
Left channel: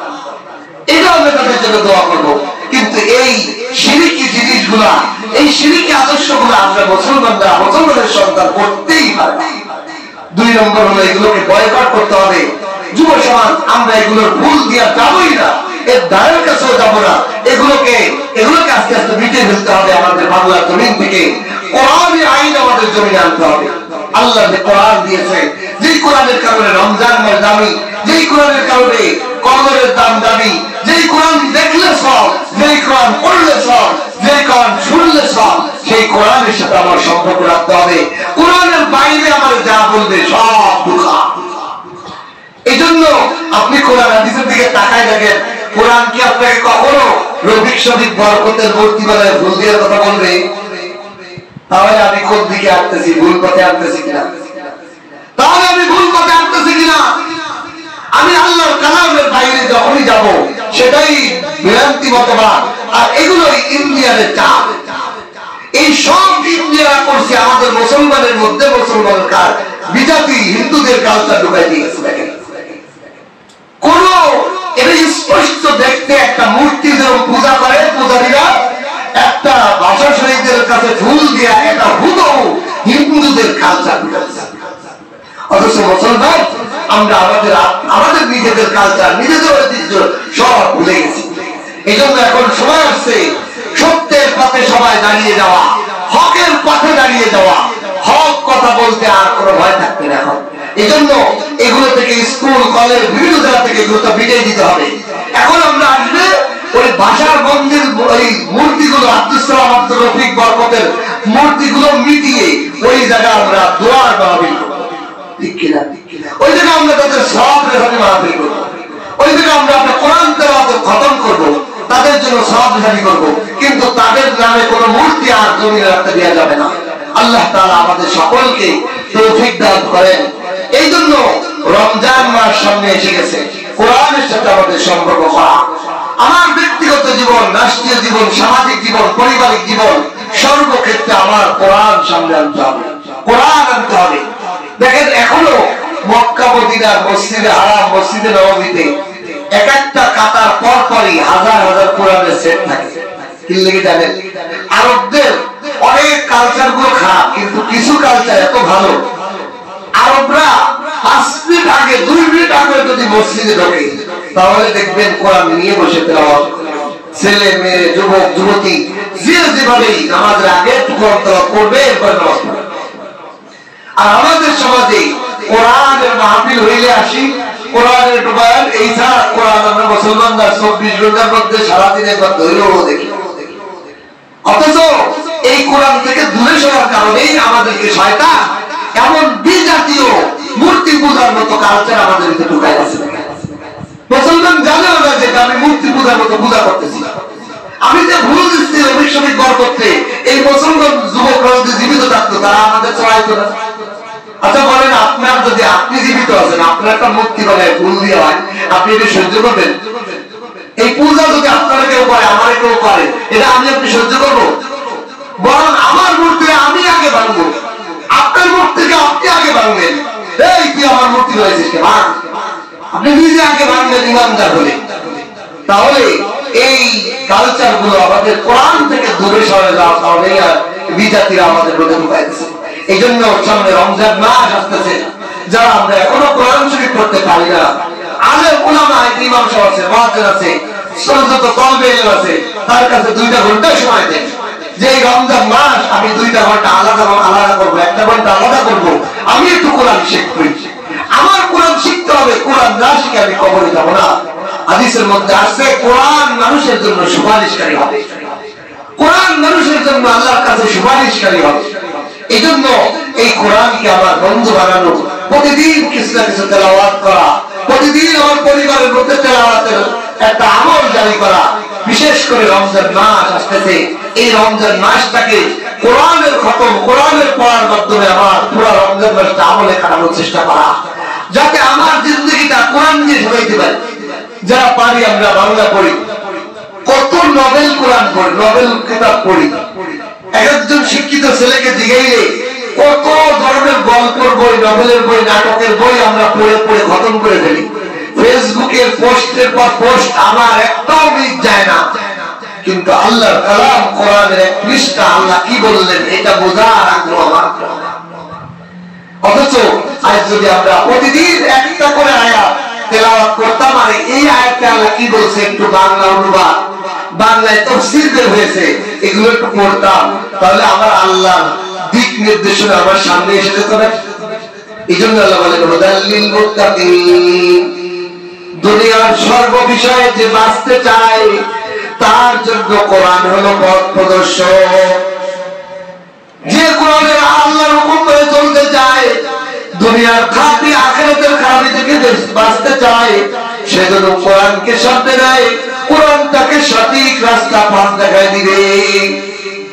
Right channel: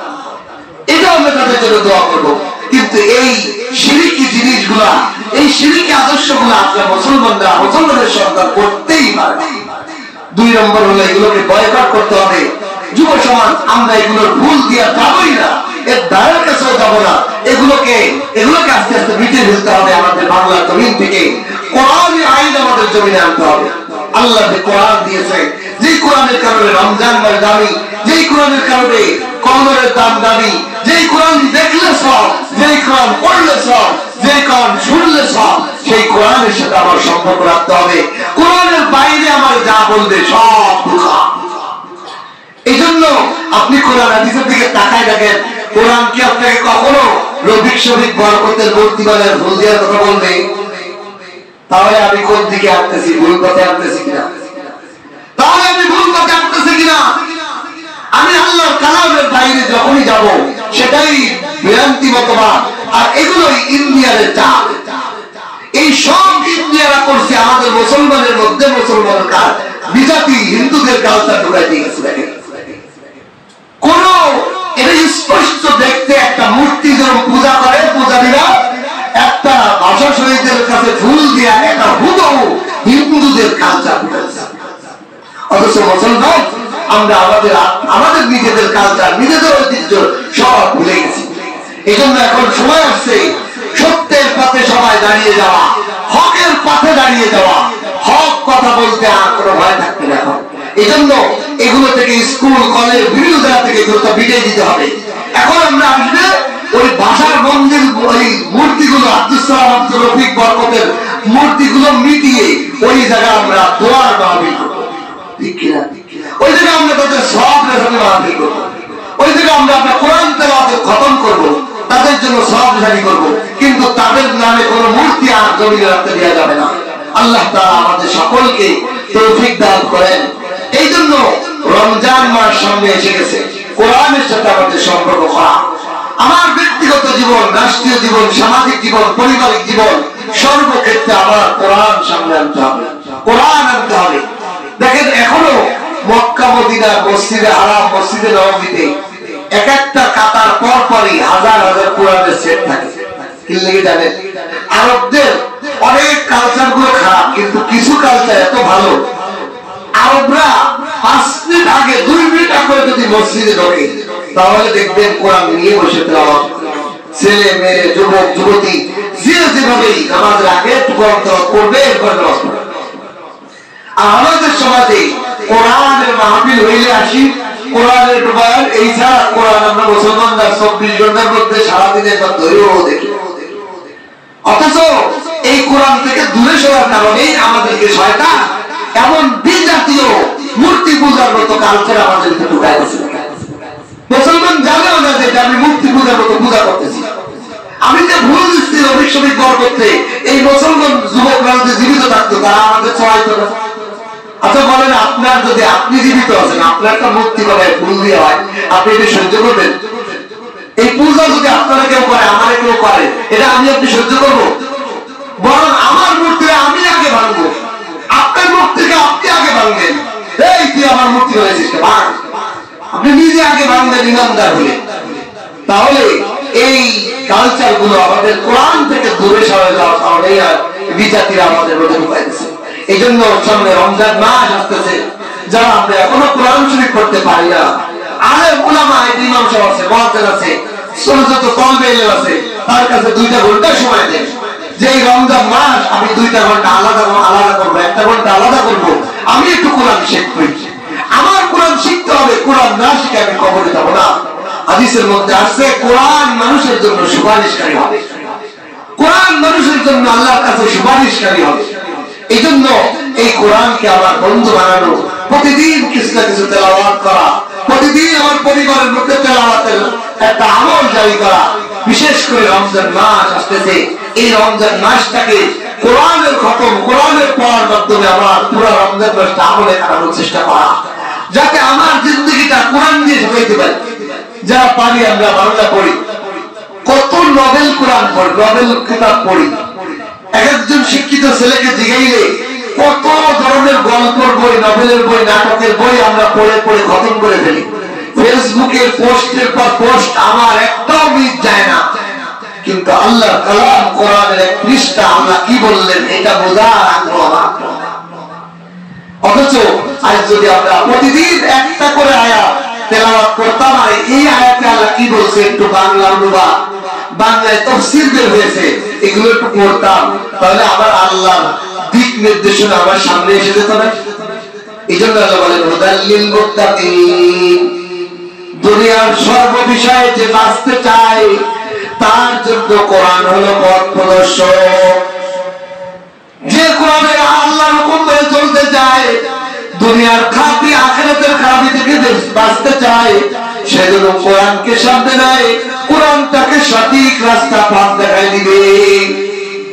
এটা আমরা তাদের জন্য দোয়া করব। কিন্তু এই শিরকি জিনিসগুলা, এই শিরকি আদর্শগুলা আমরা মুসলমানরা, মুসলমানের সন্তান করতেই পারবে। 2 নম্বর হলো এগুলোকে বয়কট করতে হবে। যুব সমাজ আমরা এগুলোর ভুল দিয়া যাবই না, এর দ্বারের কাছেও যাবো না। এগুলোকে আস্তে আস্তে মিটিয়ে ফেলতে হবে আমাদের বাংলার জমিন থেকে। কোরআনের আইন আমাদের জমিনে আনতে হবে। আল্লাহ যে কোরআন দিয়েছে, যেই কোরআনের কারণে রমজান মাস দামি, যেই কোরআনের কারণে কলমের দাম দামি, যেই কোরআন দেখলে সব, যেই কোরআন পড়লে সব, যেই কোরআন শুনলে সব, সেই কোরআনের সাথে আমার সম্পর্ক রাখতে হবে। কোরআনের বাইরে আমার যা বলবে সব ধোঁকা। এই জন্য আপনি কোরআন হাদিসের দিকে তাকায় দেখেন, কোরআন কি আপনাকে কখনো রফিক শফিক বরকতের মূর্তি বানায় ভুল দেওয়ার কথা বলবে? তাহলে আমি কোন দিকে আসতেছি, ভুল পথে আসতেছি কিনা? তাহলে আমি ভুল পথে আসতেছি কিনা? আমি আল্লাহর কালামের বাইরে যখনই যাব সেটাই ভ্রান্তি মতবাদ, আর এগুলোই ইন্ডিয়ানের চাপ। এই সব ইন্ডিয়ারা করছে আমাদের মুসলমানের মধ্যে, মুসলমানের কাজ বিজাতি হিন্দুদের কালচার ঢুকাই দিয়েছে। কোন এটা স্পষ্ট দেখতে, একটা মূর্তি যেরকম পূজা করে পূজারীরা, একটা ভাষা শহীদের কাছে ফুল দিয়া একটা হুবহু হিন্দুদের কালচার ঢুকাইছে। অথচ মুসলমান আমরা আমাদের নিজেদের কালচার, নিজেদের ঐতিহ্য সব ভুলে গেছি। এই জন্য এখন সময় আসছে সত্যের পথে সবাই দাঁড়িয়ে যাওয়া, হকের পথে দাঁড়িয়ে যাওয়া, হক কথা বলতে আর কোনো ভয় থাকবে না। এখন এই জন্য এগুলো থেকে স্কুল কলেজ বিভিন্ন জায়গা থেকে এগুলো বিদায় দিতে হবে। এখন আমরা আসবে ওই ভাষার মন্দির, ওই মূর্তিগুলো আব্দুল সালাম আব্দুল রফিক বরকতের মূর্তিগুলো মিটিয়ে ওই জায়গায় আমরা দোয়ার মাহফিল করব, ঠিক কিনা? ওই জায়গায় আমরা তাদের সব রেসানি মাহফিল করব, ওই জায়গায় আমরা আপনার কোরআন তেলাওয়াত খতম করব, তাদের জন্য সব রেসানি করব, কিন্তু তাদের নামে কোনো মূর্তি আর জমিনে রাখতে দেওয়া যাবে না। আল্লাহ তাআলা আমাদের সকলকে তৌফিক দান করেন। এই জন্য রমজান মাস সামনে এসে গেছে, কোরআনের সাথে আমাদের সম্পর্ক করা। আমার ব্যক্তিগত জীবন, রাষ্ট্রীয় জীবন, সামাজিক জীবন, পারিবারিক জীবন, সর্বক্ষেত্রে আমার কোরআন সামনে আনতে হবে, কোরআন আনতে হবে। দেখেন এখনো মক্কা মদিনার মসজিদে হারাম, মসজিদে নববীতে এক একটা কাতার পর পরই হাজার হাজার কোরআনের সেট থাকে। কি লেগে জানেন? আরবদের অনেক কালচার গুলো খারাপ, কিন্তু কিছু কালচার এত ভালো। আরবরা 5 মিনিট আগে, 2 মিনিট আগে যদি মসজিদে ঢোকে তাহলে দেখবেন কোরআন নিয়ে বসে তেলাওয়াত, ছেলে মেয়ে যুবক যুবতী যে যেভাবেই নামাজের আগে কোরআন তেলাওয়াত করবে, এরপর নামাজ পড়বে। আর আমাদের সমাজে কোরআনের মাহফিল হইলে আসি, কোরআনের বয়ান এই ছাড়া কোরআন আমরা মুসলমানরা 24 ঘন্টার মধ্যে সারাদিন একবার ধরেও দেখি। অথচ এই কোরআন থেকে দূরে সরার কারণেই আমাদেরকে শয়তান এমন বিজাতীয় মূর্তি পূজার মতো কালচার আমাদেরকে ঢুকায় দিয়েছে। মুসলমান জানেও না যে আমি মূর্তি পূজার মতো পূজা করতেছি। আমি যে ভুল দিচ্ছি অনেক সময় কর করতে, এই মুসলমান যুবকরা যদি জীবিত থাকতো তারা আমাদের চড়াইতো না। আচ্ছা বলেন, আপনার যদি আপনি জীবিত আছেন, আপনার একটা মূর্তি বানায় ফুল দেওয়া হয়, আপনি এটা সহ্য করবেন? এই পূজা যদি আপনারা কেউ করে, আমারে কেউ করে, এটা আমি আপনি সহ্য করবো? বরং আমার মূর্তি আমি আগে ভাঙবো, আপনার মূর্তিকে আপনি আগে ভাঙবেন। এই তুই আমার মূর্তি হয়েছিস, আপনি নিজে আগে ভাঙবেন ইমানদার হলে। তাহলে এই কালচার গুলো আমাদের কোরআন থেকে দূরে সরে যাওয়ার কারণে বিজাতিরা আমাদের মধ্যে ঢুকাই দিচ্ছে। এই জন্য সামনে রমজান মাস আসতেছে, যারা আমরা এখনো কোরআন শরীফ পড়তে পারি না, আলেম উলামা ইমাম সাহেব আছে, মুয়াজ্জিন আছে, ছোট ছোট তলবে এলেম আছে, তার কাছে 2টা ঘন্টা সময় দেন যে এই রমজান মাস আমি 2টা ঘন্টা আলাদা করবো, 1টা ঘন্টা আলাদা করবো, আমি একটু কোরআন শিখবো। আমার কোরআন শিখতে হবে, কোরআন না শিখে আমি কবরে যাবো না। হাদিসের মধ্যে আসছে কোরআন মানুষের জন্য সুপারিশকারী হবে, কোরআন মানুষের জন্য আল্লাহর কাছে সুপারিশকারী হবে। এই জন্য এই কোরআনকে আমার বন্ধু বানানো, প্রতিদিন কিছু না কিছু তেলাওয়াত করা, প্রতিদিন আমার পরিবারের মধ্যে তেলাওয়াতের একটা আমল জারি করা। বিশেষ করে রমজান মাস আসতেছে, এই রমজান মাসটাকে কোরআনের খতম, কোরআনের পড়ার মাধ্যমে আমার পুরো রমজান মাসটা আমলে কাটানোর চেষ্টা করা, যাতে আমার জিন্দগিটা কোরআন দিয়ে ঢুকাইতে পারি। যারা পারি আমরা বাংলা পড়ি, কত নভেল কোরআন পড়ি, নভেল কিতাব পড়ি। একজন শিক্ষিত ছেলেকে জিগাইলে কত ধরনের গল্পের বই, নভেলের বই, নাটকের বই আমরা পড়ে পড়ে খতম করে ফেলি। ফেসবুকের পোস্টের পর পোস্ট আমার একটাও মিস যায় না, কিন্তু আল্লাহর কালাম কোরআনের এক পৃষ্ঠা আল্লাহ কি বললেন এটা বোঝার আগ্রহ আমার। অথচ আজ যদি আমরা প্রতিদিন একটা করে আয়াত তেলাওয়াত করতাম, আর এই আয়াতে আল্লাহ কি বলছে একটু বাংলা অনুবাদ, বাংলায় তাফসীর বের হয়েছে, এগুলো একটু পড়তাম, তাহলে আমার আল্লাহর দিক নির্দেশনা আমার সামনে এসে যেত না। এই জন্য আল্লাহ বলেন হুদাল লিল মুত্তাকিন, দুনিয়ার সর্ব বিষয়ে যে বাঁচতে চায় তার জন্য কোরআন হলো পথ প্রদর্শক। যে কোরআনের আল্লাহর হুকুম মেনে চলতে চায়, দুনিয়ার খারাপি আখিরাতের খারাপি থেকে বাঁচতে চায়, সেজন্য কোরআনকে সামনে নেয়, কোরআনটাকে সঠিক রাস্তা পথ দেখায় দিবে।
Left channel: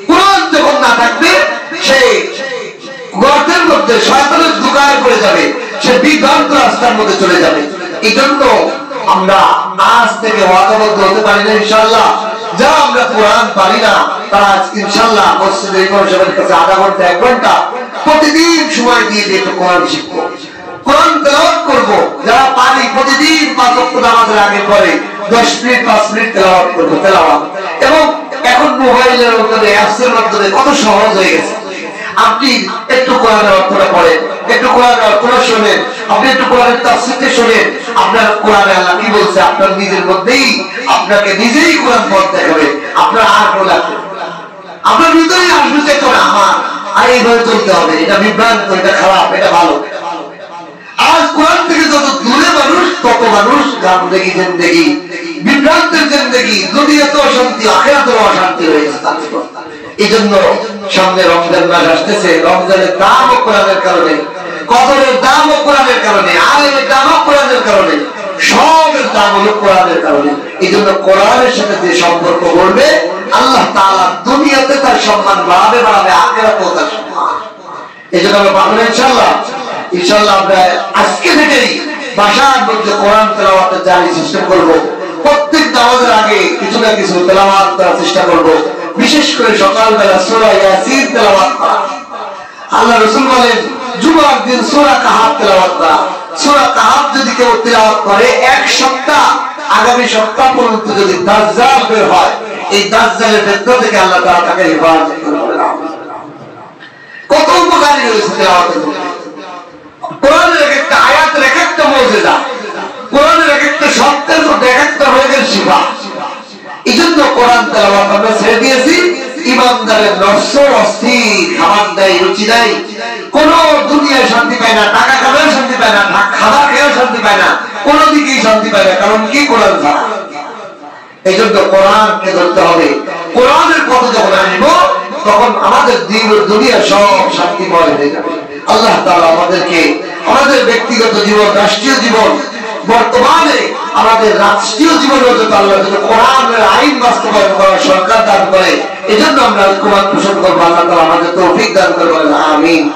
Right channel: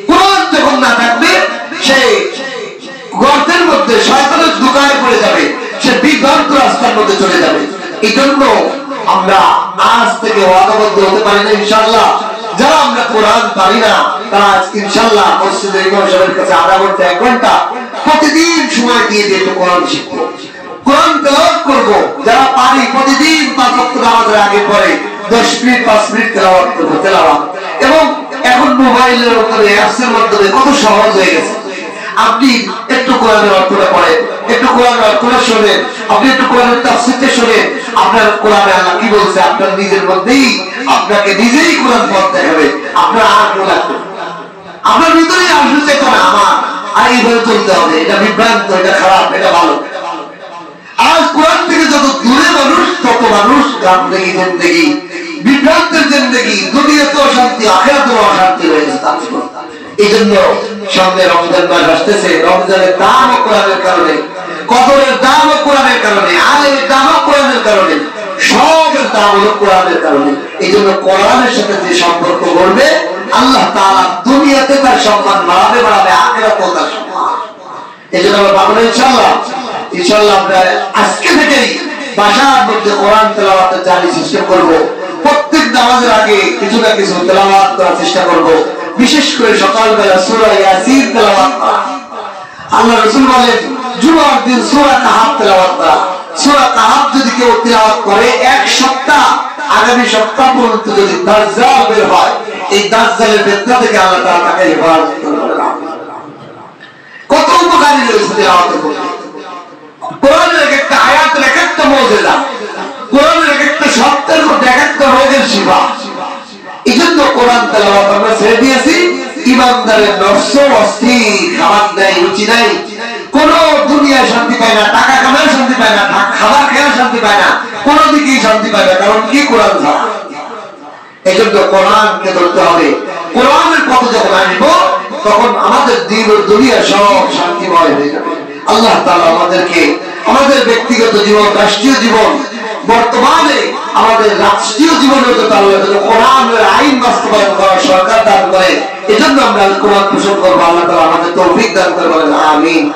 কোরআন যখন না থাকবে সে গর্তের মধ্যে শয়তানের ধোঁকায় পড়ে যাবে, সে বিভ্রান্ত রাস্তার মধ্যে চলে যাবে। এই জন্য আমরা আজ থেকে ওয়াদাবদ্ধ হতে পারি না ইনশাআল্লাহ, যারা আমরা কোরআন পারি না তারা ইনশাআল্লাহ মসজিদের ইমাম সাহেবের কাছে আধা ঘন্টা 1 ঘন্টা প্রতিদিন সময় দিয়ে দিয়ে কোরআন শিখবো, কোরআন তেলাওয়াত করব। যারা পারি প্রতিদিন 5 ওয়াক্ত নামাজের আগে পরে 10 মিনিট 5 মিনিট তেলাওয়াত করব, তেলাওয়াত। এবং এখন মোবাইলের মাধ্যমে অ্যাপসের মাধ্যমে কত সহজ হয়ে গেছে। আপনি একটু কোরআনের অর্থটা পড়েন, একটু কোরআনের অর্থটা শোনেন, আপনি একটু কোরআনের তাফসীরটা শোনেন, আপনার কোরআনে আল্লাহ কি বলছে আপনার নিজের মধ্যেই আপনাকে নিজেই কোরআন পথ দেখাবে। আপনার আর কোরআন লাগবে, আপনার ভিতরেই আসবে চেতনা আমার এইভাবে চলতে হবে, এটা বিভ্রান্ত, এটা খারাপ, এটা ভালো। আজ কোরআন থেকে যত দূরে মানুষ তত মানুষ গান দেখি জিন্দেগি, বিভ্রান্তের জিন্দেগি, দুনিয়াতে অশান্তি, আখিরাতেও অশান্তি হয়েছে। এই জন্য সামনে রমজান মাস আসতেছে, রমজানের দাম ও কোরআনের কারণে, কদরের দাম ও কোরআনের কারণে, আলেমের দাম ও কোরআনের কারণে, সবের দাম হলো কোরআনের কারণে। এই জন্য কোরআনের সাথে যে সম্পর্ক করবে আল্লাহ তাআলা দুনিয়াতে তার সম্মান বাড়াবে, আখিরাতেও তার সম্মান। এই জন্য আমরা পাবো ইনশাআল্লাহ। ইনশাআল্লাহ আমরা আজকে থেকেই বাসার মধ্যে কোরআন তেলাওয়াতের জারি সিস্টেম করব। প্রত্যেক নামাজের আগে কিছু না কিছু তেলাওয়াত করার চেষ্টা করব। বিশেষ করে সকালবেলা সূরা ইয়াসিন তেলাওয়াত করা। আল্লাহ রাসূল বলেন জুমার দিন সূরা কাহাফ তেলাওয়াত করা। সূরা কাহাফ যদি কেউ তেলাওয়াত করে 1 সপ্তাহ, আগামী সপ্তাহ পর্যন্ত যদি দাজ্জাল বের হয়, এই দাজ্জালের ফিতনা থেকে আল্লাহ তাআলা তাকে হেফাজত করবেন। কত উপকারী রয়েছে তেলাওয়াতের মধ্যে। কোরআনের এক একটা আয়াতের এক একটা মুজিজা, কোরআনের এক একটা শব্দের মধ্যে এক একটা রোগের শিফা। এই জন্য কোরআন তেলাওয়াত আমরা ছেড়ে দিয়েছি। ইমানদারের নফস অস্থির, খাবার নাই, রুচি নাই, কোন দুনিয়ায় শান্তি পায় না, টাকা কামায় শান্তি পায় না, খাবার খেয়েও শান্তি পায় না, কোন দিকেই শান্তি পায় না। কারণ কি? কোরআন ছাড়া। এই জন্য কোরআনকে ধরতে হবে। কোরআনের পথে যখন আসবো তখন আমাদের দিন ও দুনিয়া সব শান্তিময় হয়ে যাবে। আল্লাহ তাআলা আমাদেরকে আমাদের ব্যক্তিগত জীবন, রাষ্ট্রীয় জীবন, বর্তমানে আমাদের রাষ্ট্রীয় জীবনের যত আল্লাহ কোরআনের আইন বাস্তবায়ন করার সরকার দান করে। এজন্য আমরা কোরআন পোষণ করবো। আল্লাহ তাআলা আমাদের তৌফিক দান করবেন। আমিন।